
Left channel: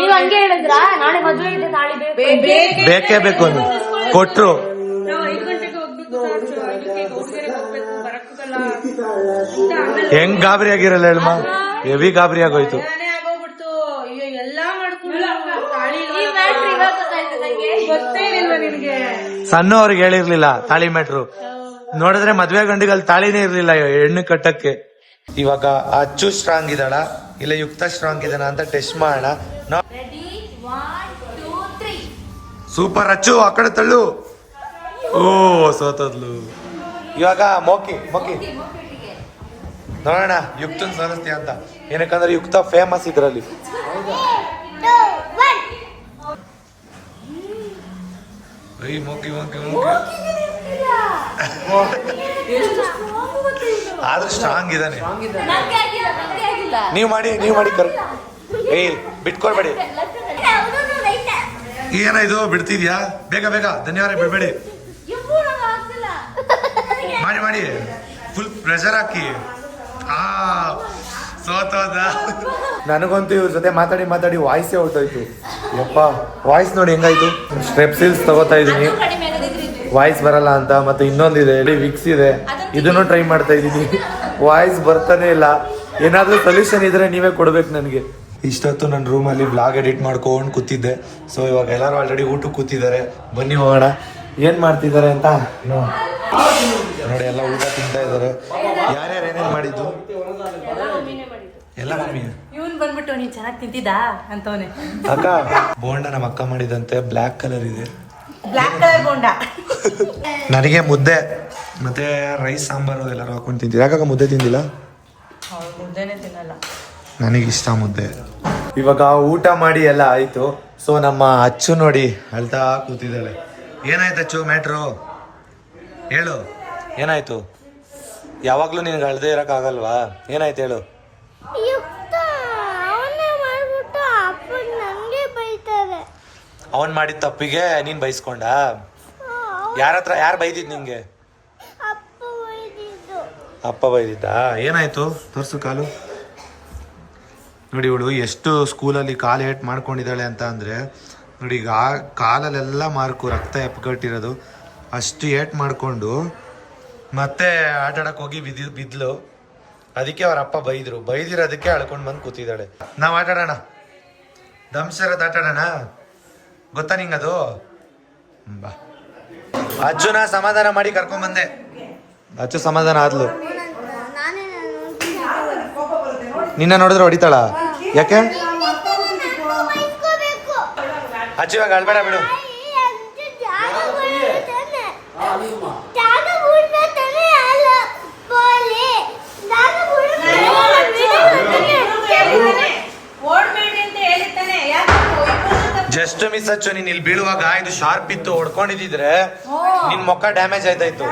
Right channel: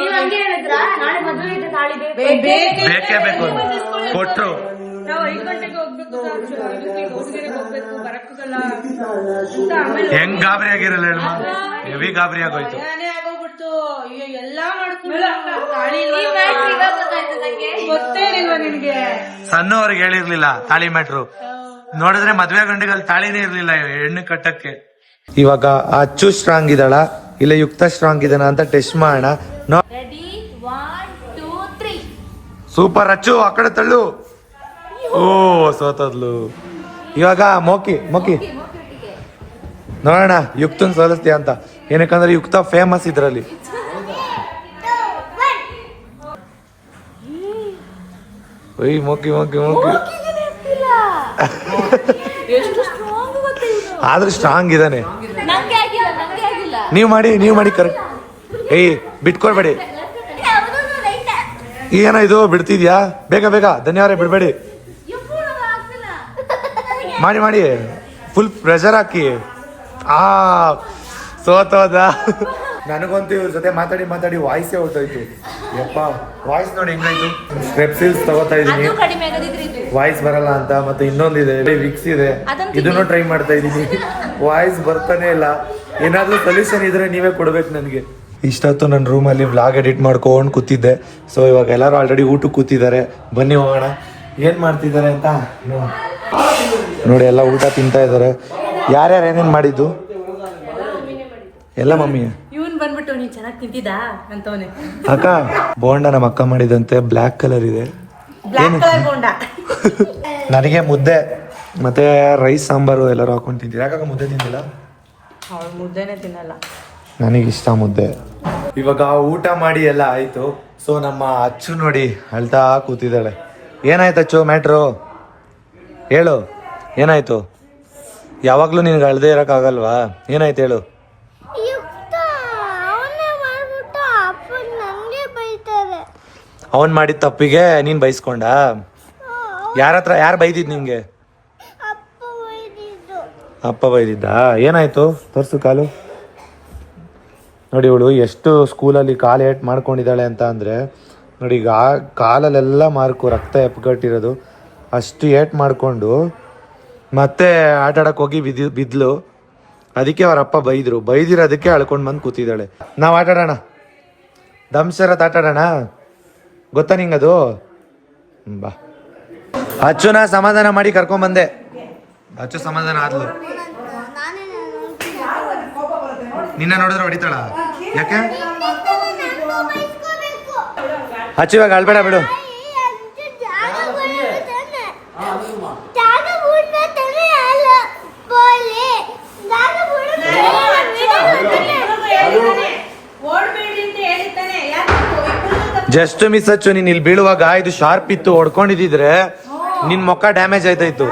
ಬೇಕೇ ಬೇಕು ಕೊಟ್ರು. ನಾವು 5 ಗಂಟೆಗೆ ಹೋಗ್ಬೇಕು ಸರ್, ಇದಕ್ಕೆ ಗೋಸ್ಗೆರೆಗೆ ಹೋಗ್ಬೇಕು, ಬರಕ್ಕಾಗಲ್ಲ ಅಂತ. ಆಮೇಲೆ ಹೆಂಗ್ ಗಾಬರಿ ಆಗಿರಲ್ಲ ಹೇಳಮ್ಮ, ಹೆವಿ ಗಾಬರಿ ಆಗೋಯ್ತು. ಆಗೋಗ್ಬಿಡ್ತು. ಅಯ್ಯೋ ಎಲ್ಲಾ ಮಾಡ್ಕೊಂಡು ಗೊತ್ತೇ ಇಲ್ವಾ ನಿನ್ಗೆ? ಸಣ್ಣವ್ರಿಗೆ ಹೇಳಿರ್ಲಿಲ್ಲ ತಾಳಿ ಮ್ಯಾಟ್ರು. ನೋಡಿದ್ರೆ ಮದ್ವೆ ಗಂಡಿಗಲ್ಲಿ ತಾಳಿನೇ ಇರ್ಲಿಲ್ಲ ಹೆಣ್ಣು ಕಟ್ಟಕ್ಕೆ. ಇವಾಗ ಅಚ್ಚು ಸ್ಟ್ರಾಂಗ್ ಇದಳ ಇಲ್ಲ ಯುಕ್ತ ಸ್ಟ್ರಾಂಗ್ ಇದನ ಅಂತ ಟೆಸ್ಟ್ ಮಾಡೋಣ. ಸೂಪರ್ ಅಚ್ಚು, ಆ ಕಡೆ ತಳ್ಳು. ಓ ಸೋತದ್ಲು. ಇವಾಗ ಮೋಕಿ ನೋಡೋಣ ಯುಕ್ತನ್ ಸೋಲಿಸ್ತೀಯ ಅಂತ. ಏನಕ್ಕಂದ್ರೆ ಯುಕ್ತ ಫೇಮಸ್ ಇದ್ರಲ್ಲಿ. ಮೋಕಿ ಆದ್ರೂ ಸ್ಟ್ರಾಂಗ್ ಇದಾನೆ. ನೀವ್ ಮಾಡಿ ಕರೆಕ್ಟ್. ಬಿಟ್ಕೊಡ್ಬೇಡಿ. ಏನ ಇದು ಬಿಡ್ತಿದ್ಯಾ? ಬೇಗ ಧನ್ಯವಾದ, ಬಿಡ್ಬೇಡಿ. ಮಾಡಿ ಫುಲ್ ಪ್ರೆಷರ್ ಹಾಕಿ. ಸೋತೋದ. ನನಗಂತೂ ಇವ್ರ ಜೊತೆ ಮಾತಾಡಿ ವಾಯ್ಸೇ ಹೋಗ್ತಾಯ್ತು. ಯಪ್ಪ, ವಾಯ್ಸ್ ನೋಡಿ ಹೆಂಗಾಯ್ತು. ಸ್ಟ್ರೆಪ್ಸಿಲ್ಸ್ ತಗೋತಾ ಇದೀನಿ, ವಾಯ್ಸ್ ಬರಲ್ಲ ಅಂತ. ಮತ್ತೆ ಇನ್ನೊಂದಿದೆ ವಿಕ್ಸ್ ಇದೆ, ಇದನ್ನು ಟ್ರೈ ಮಾಡ್ತಾ ಇದೀನಿ. ವಾಯ್ಸ್ ಬರ್ತಾನೆ ಇಲ್ಲ. ಏನಾದ್ರೂ ಸೊಲ್ಯೂಷನ್ ಇದ್ರೆ ನೀವೇ ಕೊಡ್ಬೇಕು ನನಗೆ. ಇಷ್ಟೊತ್ತು ನನ್ನ ರೂಮಲ್ಲಿ ವ್ಲಾಗ್ ಎಡಿಟ್ ಮಾಡ್ಕೊಂಡು ಕೂತಿದ್ದೆ. ಸೊ ಇವಾಗ ಎಲ್ಲರೂ ಆಲ್ರೆಡಿ ಊಟಕ್ಕೆ ಕೂತಿದ್ದಾರೆ. ಬನ್ನಿ ಹೋಗೋಣ ಏನ್ ಮಾಡ್ತಿದ್ದಾರೆ ಅಂತ. ನೋಡಿ ಎಲ್ಲ ಊಟ ತಿಂತಾ ಇದಾರೆ. ಯಾರ್ಯಾರು ಏನೇನ್ ಮಾಡಿದ್ದು? ಎಲ್ಲ ಮಮ್ಮಿ. ಇವನ್ ಬಂದ್ಬಿಟ್ಟು ನೀನ್ ಚೆನ್ನಾಗಿ ತಿಂತಿದ್ದಾ ಅಂತವನೆ. ಅಕ್ಕ ಬೋಂಡ ನಮ್ಮ ಅಕ್ಕ ಮಾಡಿದಂತೆ ಬ್ಲ್ಯಾಕ್ ಕಲರ್ ಇದೆ. ನನಗೆ ಮುದ್ದೆ ಮತ್ತೆ ರೈಸ್ ಸಾಂಬಾರು ಎಲ್ಲರೂ ಹಾಕೊಂಡು ತಿಂತೀವಿ. ಯಾಕಾಗ ಮುದ್ದೆ ತಿಂದಿಲ್ಲ? ಮುದ್ದೆನೆ ತಿನ್ನಲ್ಲ. ನನಗಿಷ್ಟ ಮುದ್ದೆ. ಇವಾಗ ಊಟ ಮಾಡಿ ಎಲ್ಲ ಆಯ್ತು. ಸೊ ನಮ್ಮ ಅಚ್ಚು ನೋಡಿ ಅಳ್ತಾ ಕೂತಿದ್ದಾಳೆ. ಏನಾಯ್ತು ಅಚ್ಚು ಮ್ಯಾಟ್ರು? ಹೇಳು, ಏನಾಯ್ತು? ಯಾವಾಗ್ಲೂ ನಿನ್ಗೆ ಅಳ್ದೇ ಇರಕ್ಕಾಗಲ್ವಾ? ಏನಾಯ್ತು ಹೇಳು. ಅವನ್ ಮಾಡಿದ ತಪ್ಪಿಗೆ ನೀನ್ ಬೈಸ್ಕೊಂಡ? ಯಾರು ಬೈದಿದ್ ನಿಂಗೆ? ಅಪ್ಪ ಬೈದಿದ್ದ. ಏನಾಯ್ತು ತೋರ್ಸು ಕಾಲು. ನೋಡಿ ಇವಳು ಎಷ್ಟು ಸ್ಕೂಲಲ್ಲಿ ಕಾಲು ಏಟ್ ಮಾಡ್ಕೊಂಡಿದ್ದಾಳೆ ಅಂತ ಅಂದರೆ ನೋಡಿ. ಈಗ ಕಾಲಲ್ಲೆಲ್ಲ ಮಾರ್ಕು, ರಕ್ತ ಎಪ್ಗಟ್ಟಿರೋದು. ಅಷ್ಟು ಏಟ್ ಮಾಡಿಕೊಂಡು ಮತ್ತೆ ಆಟ ಆಡಕ್ಕೆ ಹೋಗಿ ಬಿದ್ಲು. ಅದಕ್ಕೆ ಅವರಪ್ಪ ಬೈದಿರೋದಕ್ಕೆ ಅಳ್ಕೊಂಡು ಬಂದು ಕೂತಿದ್ದಾಳೆ. ನಾವು ಆಟ ಆಡೋಣ, ದಂಶರತ್ ಆಟ ಆಡೋಣ. ಗೊತ್ತಾ ನಿಂಗದು? ಬಾ. ಅಚ್ಚುನ ಸಮಾಧಾನ ಮಾಡಿ ಕರ್ಕೊಂಡ್ ಬಂದೆ. ಅಚ್ಚು ಸಮಾಧಾನ ಆದ್ಲು. ನಿನ್ನ ನೋಡಿದ್ರೆ ಹೊಡಿತಾಳ? ಯಾಕೆ? ಅಚ್ಚು ಇವಾಗ ಅಳ್ಬೇಡ ಬಿಡು. ಜಸ್ಟ್ ಮಿಸ್ ಅಚ್ಚು, ನೀನ್ ಇಲ್ಲಿ ಬೀಳುವಾಗ ಇದು ಶಾರ್ಪ್ ಇತ್ತು, ಹೊಡ್ಕೊಂಡಿದ್ರೆ ನಿನ್ ಮುಖ ಡ್ಯಾಮೇಜ್ ಆಯ್ತಾಯ್ತು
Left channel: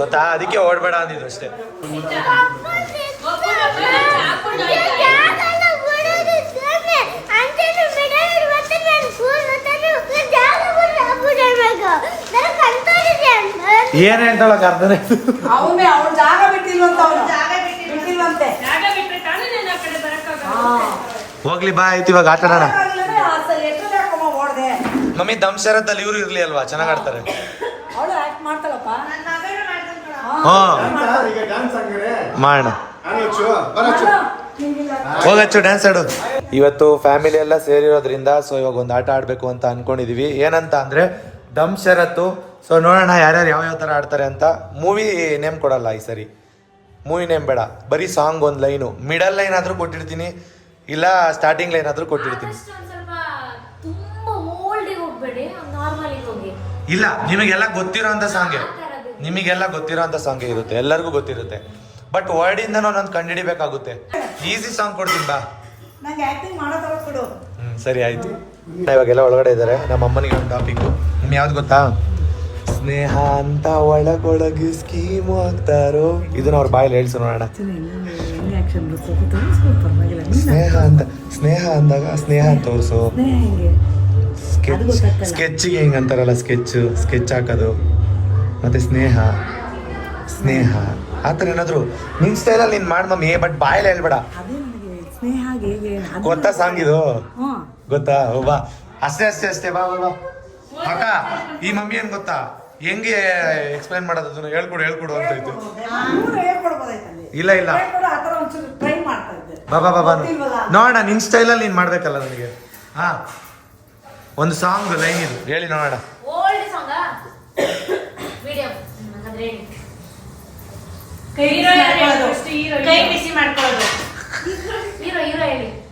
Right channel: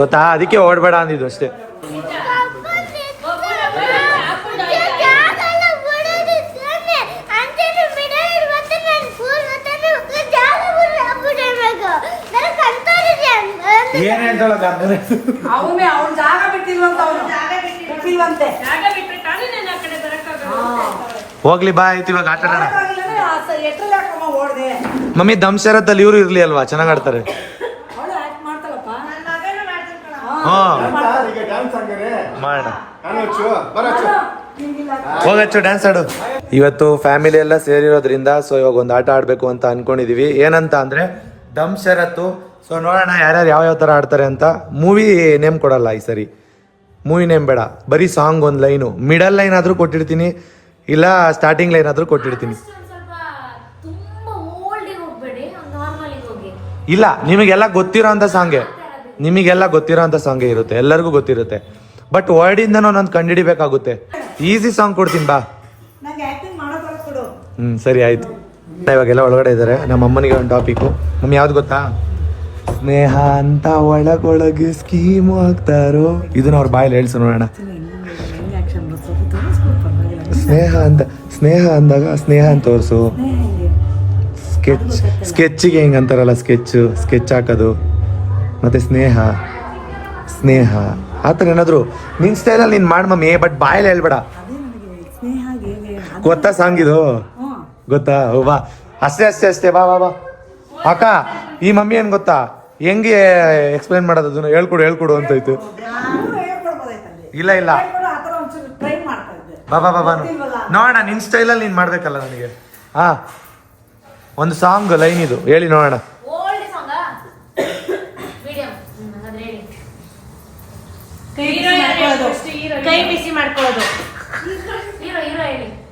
ಗೊತ್ತಾ? ಅದಕ್ಕೆ ಓಡ್ಬೇಡ ಅಂದಿದ್ದು ಅಷ್ಟೇ. ಏನ್ ಹೇಳ್ತಾಳಕ ಅರ್ಥನೇ ಹೋಗ್ಲಿ ಬಾ ಆಯ್ತು. ಇವಾಗ ಆಟ ಆಡೋಣ. ಮಮ್ಮಿ ದಂಶರತ್ತಲ್ಲಿ ಇವ್ರು ಇರ್ಲಿ ಅಲ್ವಾ, ಚೆನ್ನಾಗ್ ಆಡ್ತಾರೆ. ಮಾಡೋಣ, ಹೋಗಚ್ಚು ಡ್ಯಾನ್ಸ್ ಆಡು. ಇವತ್ತು ಫ್ಯಾಮಿಲಿ ಎಲ್ಲ ಸೇರಿರೋದ್ರಿಂದ ಸೊ ಇವಾಗ ಒಂದು ಆಟ ಆಡ್ಬೇಕು ಅಂತ ಅನ್ಕೊಂಡಿದೀವಿ. ಏನಂತ ಅಂದ್ರೆ ದಮ್ ಶರತ್ತು. ಸೊ ನೋಡೋಣ ಯಾರ್ಯಾರು ಯಾವ ತರ ಆಡ್ತಾರೆ ಅಂತ. ಮೂವಿ ನೇಮ್ ಕೊಡಲ್ಲ ಈ ಸರಿ, ಮೂವಿ ನೇಮ್ ಬೇಡ, ಬರೀ ಸಾಂಗ್ ಒಂದು ಲೈನು, ಮಿಡಲ್ ಲೈನ್ ಆದ್ರೂ ಕೊಟ್ಟಿರ್ತೀನಿ, ಇಲ್ಲ ಸ್ಟಾರ್ಟಿಂಗ್ ಲೈನ್ ಆದ್ರೂ ಕೊಟ್ಟಿರ್ತೀನಿ. ಇಲ್ಲ, ನಿಮಗೆಲ್ಲ ಗೊತ್ತಿರೋ ಅಂತ ಸಾಂಗೆ, ನಿಮಗೆಲ್ಲ ಗೊತ್ತಿರೋ ಅಂತ ಸಾಂಗೇ ಇರುತ್ತೆ, ಎಲ್ಲರಿಗೂ ಗೊತ್ತಿರುತ್ತೆ. ಬಟ್ ವರ್ಡಿಂದನೂ ಒಂದೊಂದು ಕಂಡುಹಿಡಿಬೇಕಾಗುತ್ತೆ. ಈಸಿ ಸಾಂಗ್ ಕೊಡ್ತೀನಿ ಬಾ. ಸರಿ ಆಯ್ತು. ಇವಾಗೆಲ್ಲ ಒಳಗಡೆ ಇದ್ದಾರೆ. ನಮ್ಮ ಅಮ್ಮನಿಗೆ ಒಂದು ಟಾಪಿಕ್. ನಮ್ಮ ಯಾವ್ದು ಗೊತ್ತಾ? ಸ್ನೇಹ ಅಂತ ಒಳಗೊಳಗೆ ಸ್ಕೀಮ್ ಹಾಕ್ತಾರೋ. ಇದನ್ನ ಅವ್ರ ಬಾಯಲ್ಲಿ ಹೇಳ್ಸು ನೋಡೋಣ. ಸ್ನೇಹ ಅಂತ, ಸ್ನೇಹ ಅಂದಾಗ ಸ್ನೇಹ ಅಂತ ತೋರ್ಸು. ಸ್ಕೆಚ್ಗೆ ಹೆಂಗ್ ಅಂತಾರಲ್ಲ, ಸ್ಕೆಚ್ ಹಾಕೋದು, ಮತ್ತೆ ಸ್ನೇಹ ಸ್ನೇಹ ಆತರ ಏನಾದ್ರು ನಿನ್ ಸ್ಟೈಲಲ್ಲಿ ನೀನ್ ಮಾಡ್ ಮಮ್ಮಿ, ಬಟ್ ಬಾಯಲ್ಲಿ ಹೇಳ್ಬೇಡ. ಗೊತ್ತಾ ಸಾಂಗ್ ಇದು? ಗೊತ್ತಾ? ಬಾ ಅಷ್ಟೇ ಅಷ್ಟೇ ಅಷ್ಟೇ. ಬಾ ಬಾ ಬಾ ಅಕ್ಕ, ಈ ಮಮ್ಮಿ ಏನ್ ಗೊತ್ತಾ, ಹೆಂಗೆ ಎಕ್ಸ್ಪ್ಲೈನ್ ಮಾಡೋದು ಅದನ್ನ ಹೇಳ್ಕೊಡು ಅಂತಾಯ್ತು. ಇಲ್ಲ ಇಲ್ಲ, ಬಾ ಬಾ ಬಾ ನೋಡೋಣ. ನಿನ್ ಸ್ಟೈಲಲ್ಲಿ ನೀನ್ ಮಾಡ್ಬೇಕಲ್ಲ ನನಗೆ. ಹಾ, ಒಂದು ಸಾಂಗ್ ಲೈನ್ ಇದು ಹೇಳಿ ನೋಡೋಣ.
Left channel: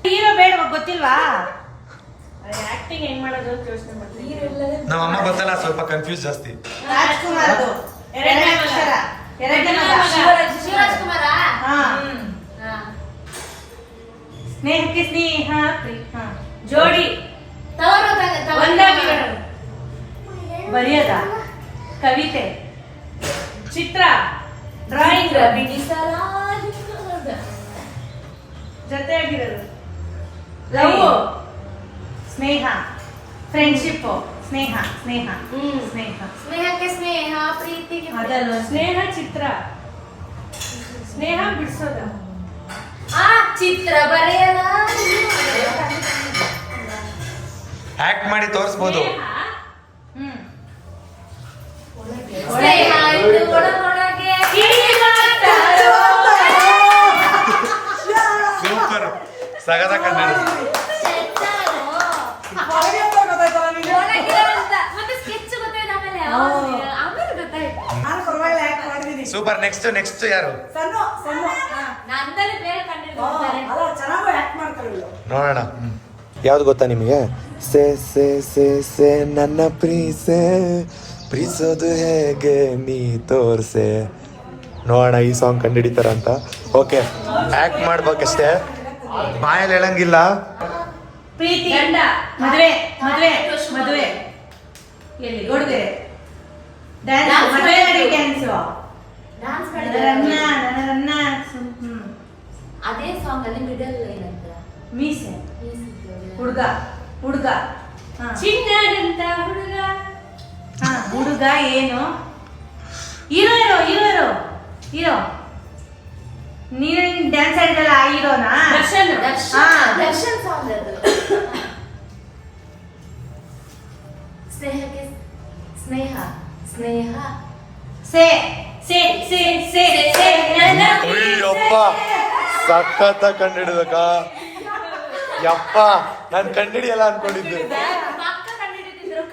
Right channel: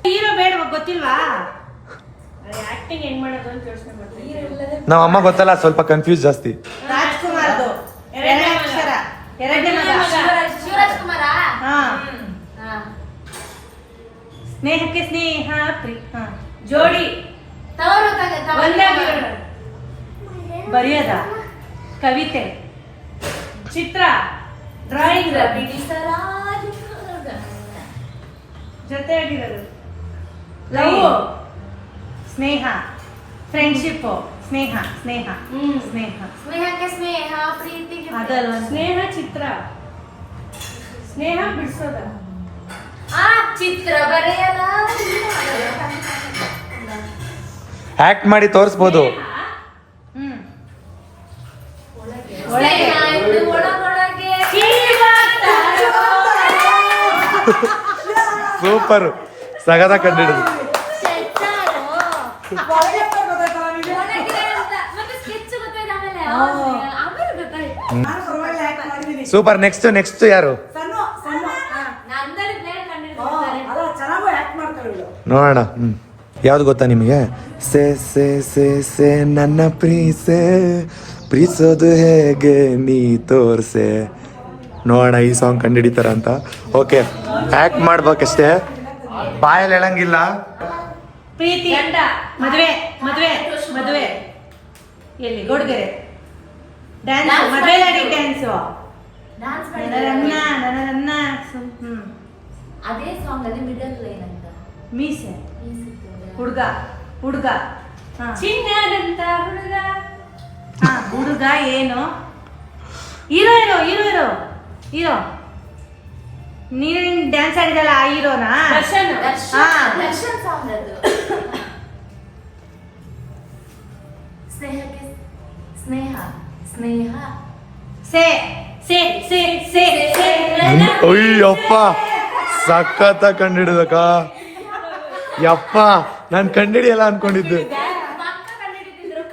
ಹೀರೋ ಬೇಡ ಗೊತ್ತಿಲ್ವಾ? ಆಕ್ಟಿಂಗ್ ಹೆಂಗ್ ಮಾಡೋದು ಅಂತ ಯೋಚನೆ ಮಾಡ್ತೀನಿ. ನಮ್ಮ ಅಮ್ಮ ಗೊತ್ತಲ್ಲ, ಸ್ವಲ್ಪ ಕನ್ಫ್ಯೂಸ್ ಜಾಸ್ತಿ. ಸ್ನೇಹಕ್ಕೆ ಸ್ನೇಹ ಜೋಡಿ ಬರೆಯೋದ, ಕವಿತೆ, ಚಿತ್ರ, ಡ್ರಾಯಿಂಗ್, ಜೊತೆಯಾಗಿರೋದು, ಲವ್, ಸ್ನೇಹ, ಫ್ರೆಂಡ್ಶಿಪ್, ಸ್ನೇಹ ಸ್ನೇಹ ಸ್ನೇಹ ಸ್ನೇಹಕ್ಕೆ ಸ್ನೇಹ, ಪ್ರೀತಿಗೆ ಅದಲ್ವಾ ಸ್ನೇಹ. ಚಿತ್ರ, ಸ್ನೇಹ ಬಿಡಿಸೋದ, ಆ ಚಿತ್ರ ಬರೆಯಲ. ಆಕ್ಟ್ ಮಾಡಿ ತೋರಿಸ್ಬೋದು. ಸೂಪರ್, ಸಗದ ಕಂಡಿಡಿದ್ರು. ಸೂಪರ್. ನೆಕ್ಸ್ಟ್ ಯಾರು ನೋಡೋಣ. ಯಾವ್ದು ಗೊತ್ತಾ ನಿಮಗೆ? ಸೇ ಸೇ ಸೇ ಸೇ ನನ್ನ ಪ್ರೀಸೋದು ಹೇಗೆ ನೀ ತೋರ್ಸೆ. ನೋಡೋಣ ಈ ಸಾಂಗ್ ಕಂಡುಹಿಡಿತಾರಂತ. ಓಕೆ, ಆಕ್ಟ್ ಮಾಡ್ಬೇಕಷ್ಟೇ, ಬಾಯಲ್ಲಿ ಹೇಳಂಗಿಲ್ಲ. ಪ್ರೀತಿ, ಗಂಡ, ಮದುವೆ ಮದುವೆ ಮದುವೆ, ಎಲ್ಲಿ ಹುಡುಗರೆ ಡ್ಯಾನ್ಸ್, ಮದುವೆ ಡ್ಯಾನ್ಸ್, ಅದೇ ಸಾಂಗ್ ಅಲ್ಲಿ ಮಿಡಲ್ ಲೈನ್ ಅಂತ ಮೀಸೆ, ಹುಡುಗ ಚಿನ್ನದಂತ ಹುಡುಗ. ಹುಡುಗ ಏನು? ಹೀರೋ ನೀನೇನ್ ಡ್ಯಾನ್ಸ್ ಆಡಿದಲ್ಲ ಆ ಹೀರೋನಾ? ದರ್ಶನ್ ಸಾಂಗ್ ಅದು. ಸ್ನೇಹಕ್ಕೆ ಸ್ನೇಹ ಸ್ನೇಹ ಸೇ ಸೇ ಸೇ ಸೇ ಸೇ ಅಯ್ಯಪ್ಪ, ಸಖತ್ತ ಕಂಡಿಡಿದಕ್ಕ. ಯಪ್ಪ, ನಾನು ಕಂಡಿಡಿಯಲ್ಲ ಅನ್ಕೊಂಡಿದ್ದೆ.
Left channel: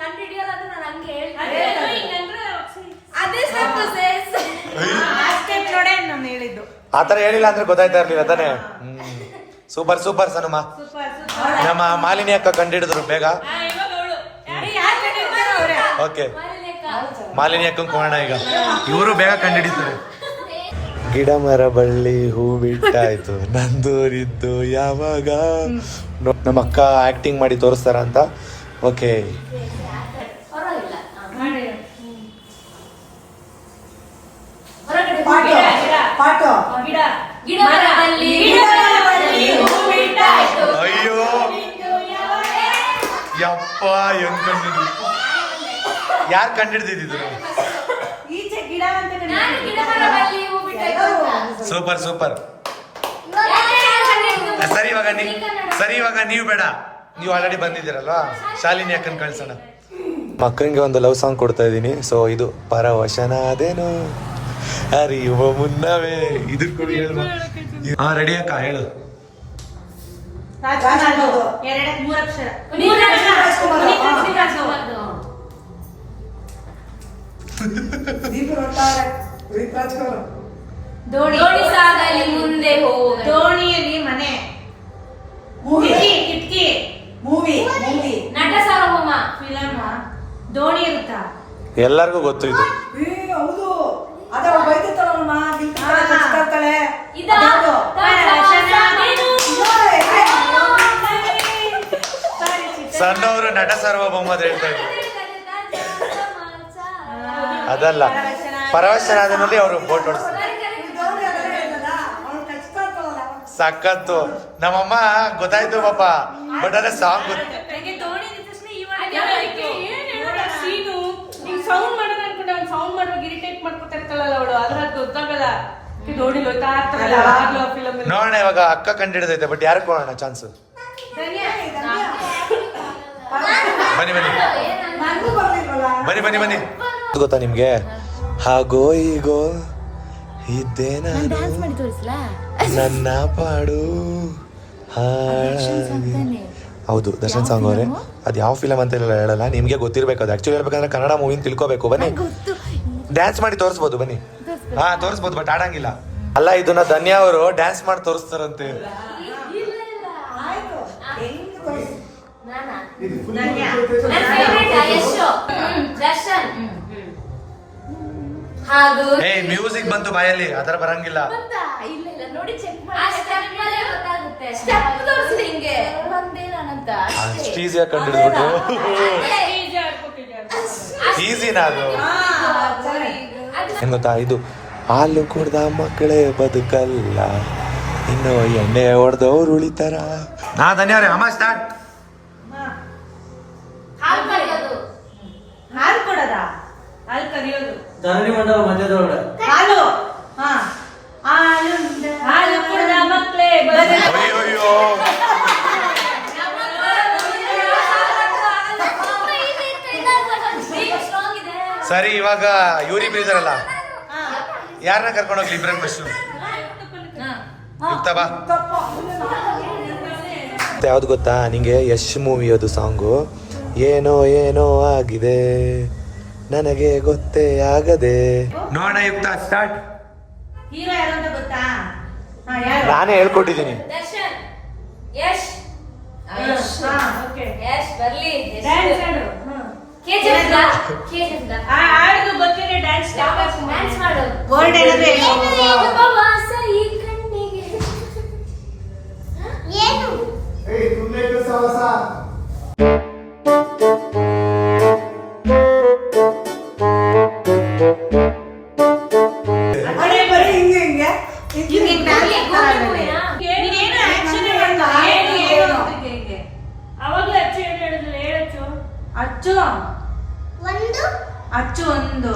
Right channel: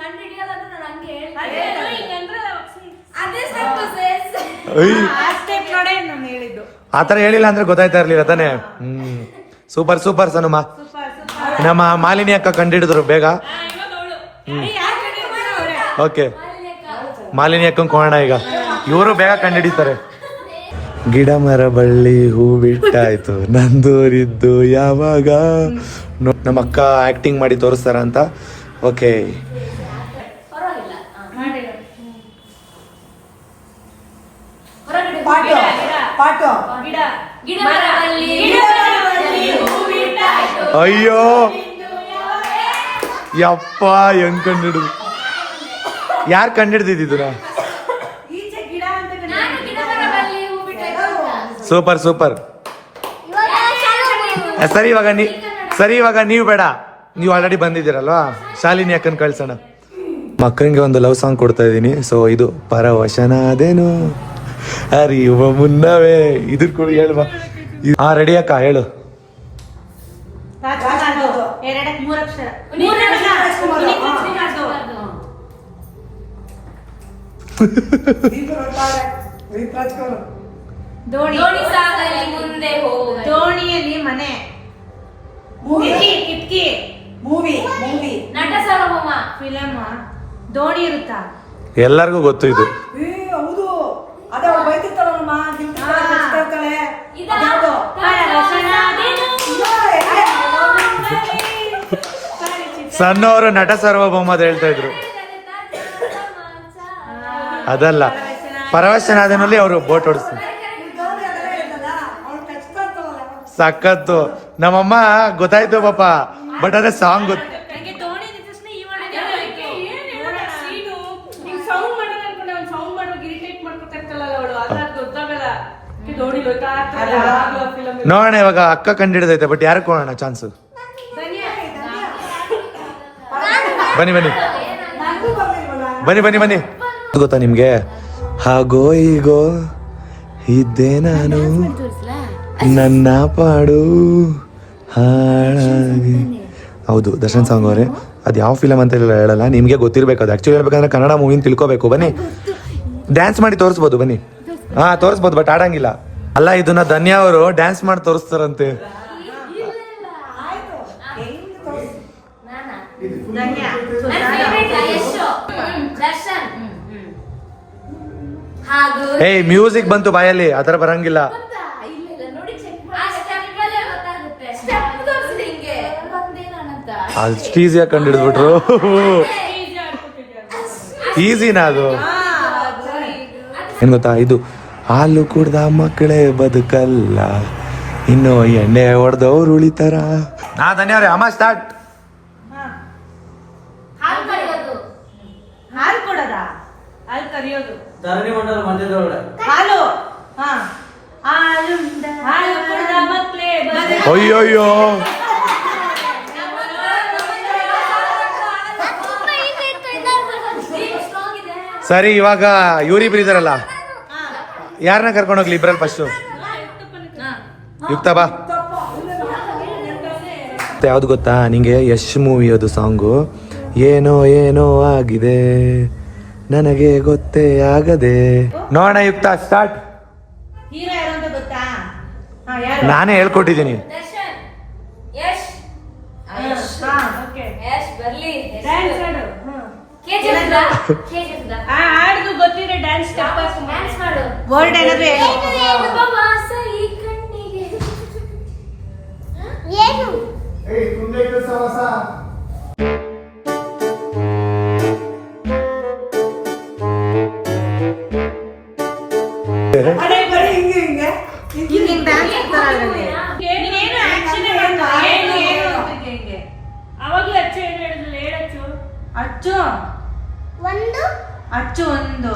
ಕಂಡಿಡಿಯಲ್ಲ ಅಂತ ನಾನು ಹಂಗೆ ಹೇಳ್ತೀನಿ. ನೋಡೇ ನಾನು ಹೇಳಿದ್ದು. ಆತರ ಹೇಳಿಲ್ಲ ಅಂದ್ರೆ ಗೊತ್ತಾಯ್ತಾ ಇರ್ಲಿಲ್ಲ ತಾನೇ. ಸೂಪರ್ ಸೂಪರ್ ಸನುಮ. ನಮ್ಮ ಮಾಲಿನಿ ಅಕ್ಕ ಕಂಡಿಡಿದ್ರು ಬೇಗ. ಓಕೆ, ಮಾಲಿನಿ ಅಕ್ಕ ಕೋಣ ಈಗ ಇವರು ಬೇಗ ಕಂಡಿಡಿತಾರೆ. ಗಿಡ ಮರ ಬಳ್ಳಿ ಹೂ ಬಿಟ್ಟಾಯ್ತು ನಂದೂರಿದ್ದು ಯಾವಾಗ. ನಮ್ಮ ಅಕ್ಕ ಆಕ್ಟಿಂಗ್ ಮಾಡಿ ತೋರಿಸ್ತಾರ ಅಂತ. ಓಕೆ, ಅಯ್ಯೋ ಯಪ್ಪ ಹೆಂಗ್ ಕಂಡಿಡಿ, ಯಾರು ಕಂಡಿಡ್ದಿದ್ದೀರ? Super super. ಸರಿ ಇವಾಗ ನೀವು ಬೇಡ, ನೀವು ಆಲ್ರೆಡಿ ಬಂದಿದ್ದೀರಲ್ವಾ, ಶಾಲಿನಿ ಅಕ್ಕನ್ ಕಳ್ಸೋಣ. ಮಕ್ಕಳಿಗೆ ಒಂದು ಲವ್ ಸಾಂಗ್ ಕೊಡ್ತಾ ಇದ್ದೀನಿ. ಸೊ ಇದು ಪರವಶನಾದೇನು ಅರಿಯುವ ಮುನ್ನವೇ. ಇದ್ರ ಕೂಡ ಹೇಳುವ. ಹಾ ರೆಡಿ ಅಕ್ಕ, ಹೇಳು. ದೋಣಿ ಸಾಗಲಿ ಮುಂದೆ ಹೋಗಿ, ದೋಣಿಯಲ್ಲಿ ಮನೆ, ಕಿಟಕಿ, ಮೂವಿ, ನಟ ಸಾರ್ವಭೌಮ, ಫಿಲಮ್, ದೋಣಿ ಇರುತ್ತಾ? ಎಲ್ಲರಿಗೂ ಗೊತ್ತು ಇದು. ಹೌದು, ಅದೇ ಬೈತಿರ್ತಾಳಮ್ಮ, ಕಚ್ತಾಳೆ. ಸಣ್ಣವರು ನಟ ಸಾರ್ವಭೌಮ ಅಂತ ಹೇಳ್ತಾ ಇದ್ರು. ಅದಲ್ಲ, ಪರವಶನಾದನಲ್ಲಿ ಅವರು ಬೋಟ್ ಓಡಿಸ್ತಾರೆ. ಸಖತ್ತು. ನಮ್ಮಮ್ಮ ಗೊತ್ತಾಯ್ತು ಪಾಪ, ಬಟ್ ಅದೇ ಸಾಂಗ್ ಗೊತ್ತು. ನನಗೆ ದೋಣಿ ಸೌಂಡ್ ಮಾಡೋದು ಅನ್ಕೊಂಡು ಅವ್ನು ಸೌಂಡ್ ಮಾಡೋದು ಇರಿಟೇಟ್ ಮಾಡ್ಕೊತಾ ಇರ್ತಾಳಲ್ಲ ಅವಳು, ಅದ್ರ ಗೊತ್ತಾಗಲ್ಲ. ದೋಣಿ ಗೊತ್ತಾ ಫಿಲಮ್. ನೋಡೋಣ ಇವಾಗ ಅಕ್ಕ ಕಂಡಿಡ್ದೈತೆ, ಬಟ್ ಯಾರು ಕೊಡೋಣ ಚಾನ್ಸ್? ಬನ್ನಿ ಬನ್ನಿ ಬನ್ನಿ ಬನ್ನಿ ಬನ್ನಿ. ಗೊತ್ತಾ ನಿಮ್ಗೆ? ಹಾಗೋ ಈಗೋ ಇದ್ದೆ ನಾನು, ನನ್ನ ಪಾಡು ಹೌದು ದರ್ಶನ್ ಸಾಂಗ್ ಅವರೇ. ಅದು ಯಾವ ಫಿಲಮ್ ಅಂತ ಹೇಳಲ್ಲ, ನಿಮ್ಗೆ ಗೊತ್ತಿರ್ಬೇಕು. ಅದು ಆಕ್ಚುಲಿ ಹೇಳ್ಬೇಕಂದ್ರೆ ಕನ್ನಡ ಮೂವಿನ ತಿಳ್ಕೋಬೇಕು. ಬನ್ನಿ ಡ್ಯಾನ್ಸ್ ಮಾಡಿ ತೋರಿಸ್ಬೋದು, ಬನ್ನಿ. ಹಾ ತೋರಿಸ್ಬೋದು, ಬಟ್ ಆಡಂಗಿಲ್ಲ. ಅಲ್ಲ, ಇದನ್ನ ಧನ್ಯ ಅವರು ಡ್ಯಾನ್ಸ್ ಮಾಡಿ ತೋರಿಸ್ತಾರಂತೆ. ಏಯ್ ಮ್ಯೂಸಿಕ್ ಬಂತು ಬಾಯಲ್ಲಿ, ಆತರ ಬರಂಗಿಲ್ಲ. ಅಷ್ಟು ಈಸಿಯಾಗಿ ಕಂಡಿಡ್ಬಿಟ್ರು. ಈಸಿನಾ ಅದು? ಏನ್ ಗೊತ್ತಾ, ಇದು ಹಾಲು ಕುಡ್ದ ಮಕ್ಕಳೇ ಬದುಕಲ್ಲ, ಇನ್ನು ಎಣ್ಣೆ ಹೊಡೆದವ್ರು ಉಳಿತಾರ. ನಾ ಧನ್ಯವ್ರೆ, ಅಮ್ಮ ಸ್ಟಾರ್ಟ್. ಹಾಲು ಕೊಡೋದ? ಹಾಲು ಕರಿಯೋದು, ಹಾಲು ಹಾಲು ಕುಡ್ದ ಮಕ್ಕಳೇ ಅಯ್ಯೋಯ್ಯೋ. ಸರಿ, ಇವಾಗ ಇವ್ರಿಬ್ರು ಇದಾರಲ್ಲ, ಯಾರನ್ನ ಕರ್ಕೊಂಡು ಹೋಗ್ಲಿ ಇಬ್ರಲ್ಲಿ ಫಸ್ಟ್? ಯುಕ್ತ ಬಾ. ಯಾವ್ದು ಗೊತ್ತಾ ನಿಂಗೆ? ಯಶ್ ಮೂವಿ ಅದು ಸಾಂಗು. ಏನೋ ಏನೋ ಆಗಿದೆ ನನಗೆ ಗೊತ್ತೇ ಆಗದೆ. ನೋಡೋಣ ಯುಕ್ತ, ಸ್ಟಾರ್ಟ್. ಹೀರೋ ಯಾರು ಅಂತ ಗೊತ್ತಾ? ನಾನೇ ಹೇಳ್ಕೊಟ್ಟಿದ್ದೀನಿ. ಹಾಡು ಗೊತ್ತಿರೋ ಡ್ಯಾನ್ಸ್ ವರ್ಡ್ ಏನಾದ್ರೆ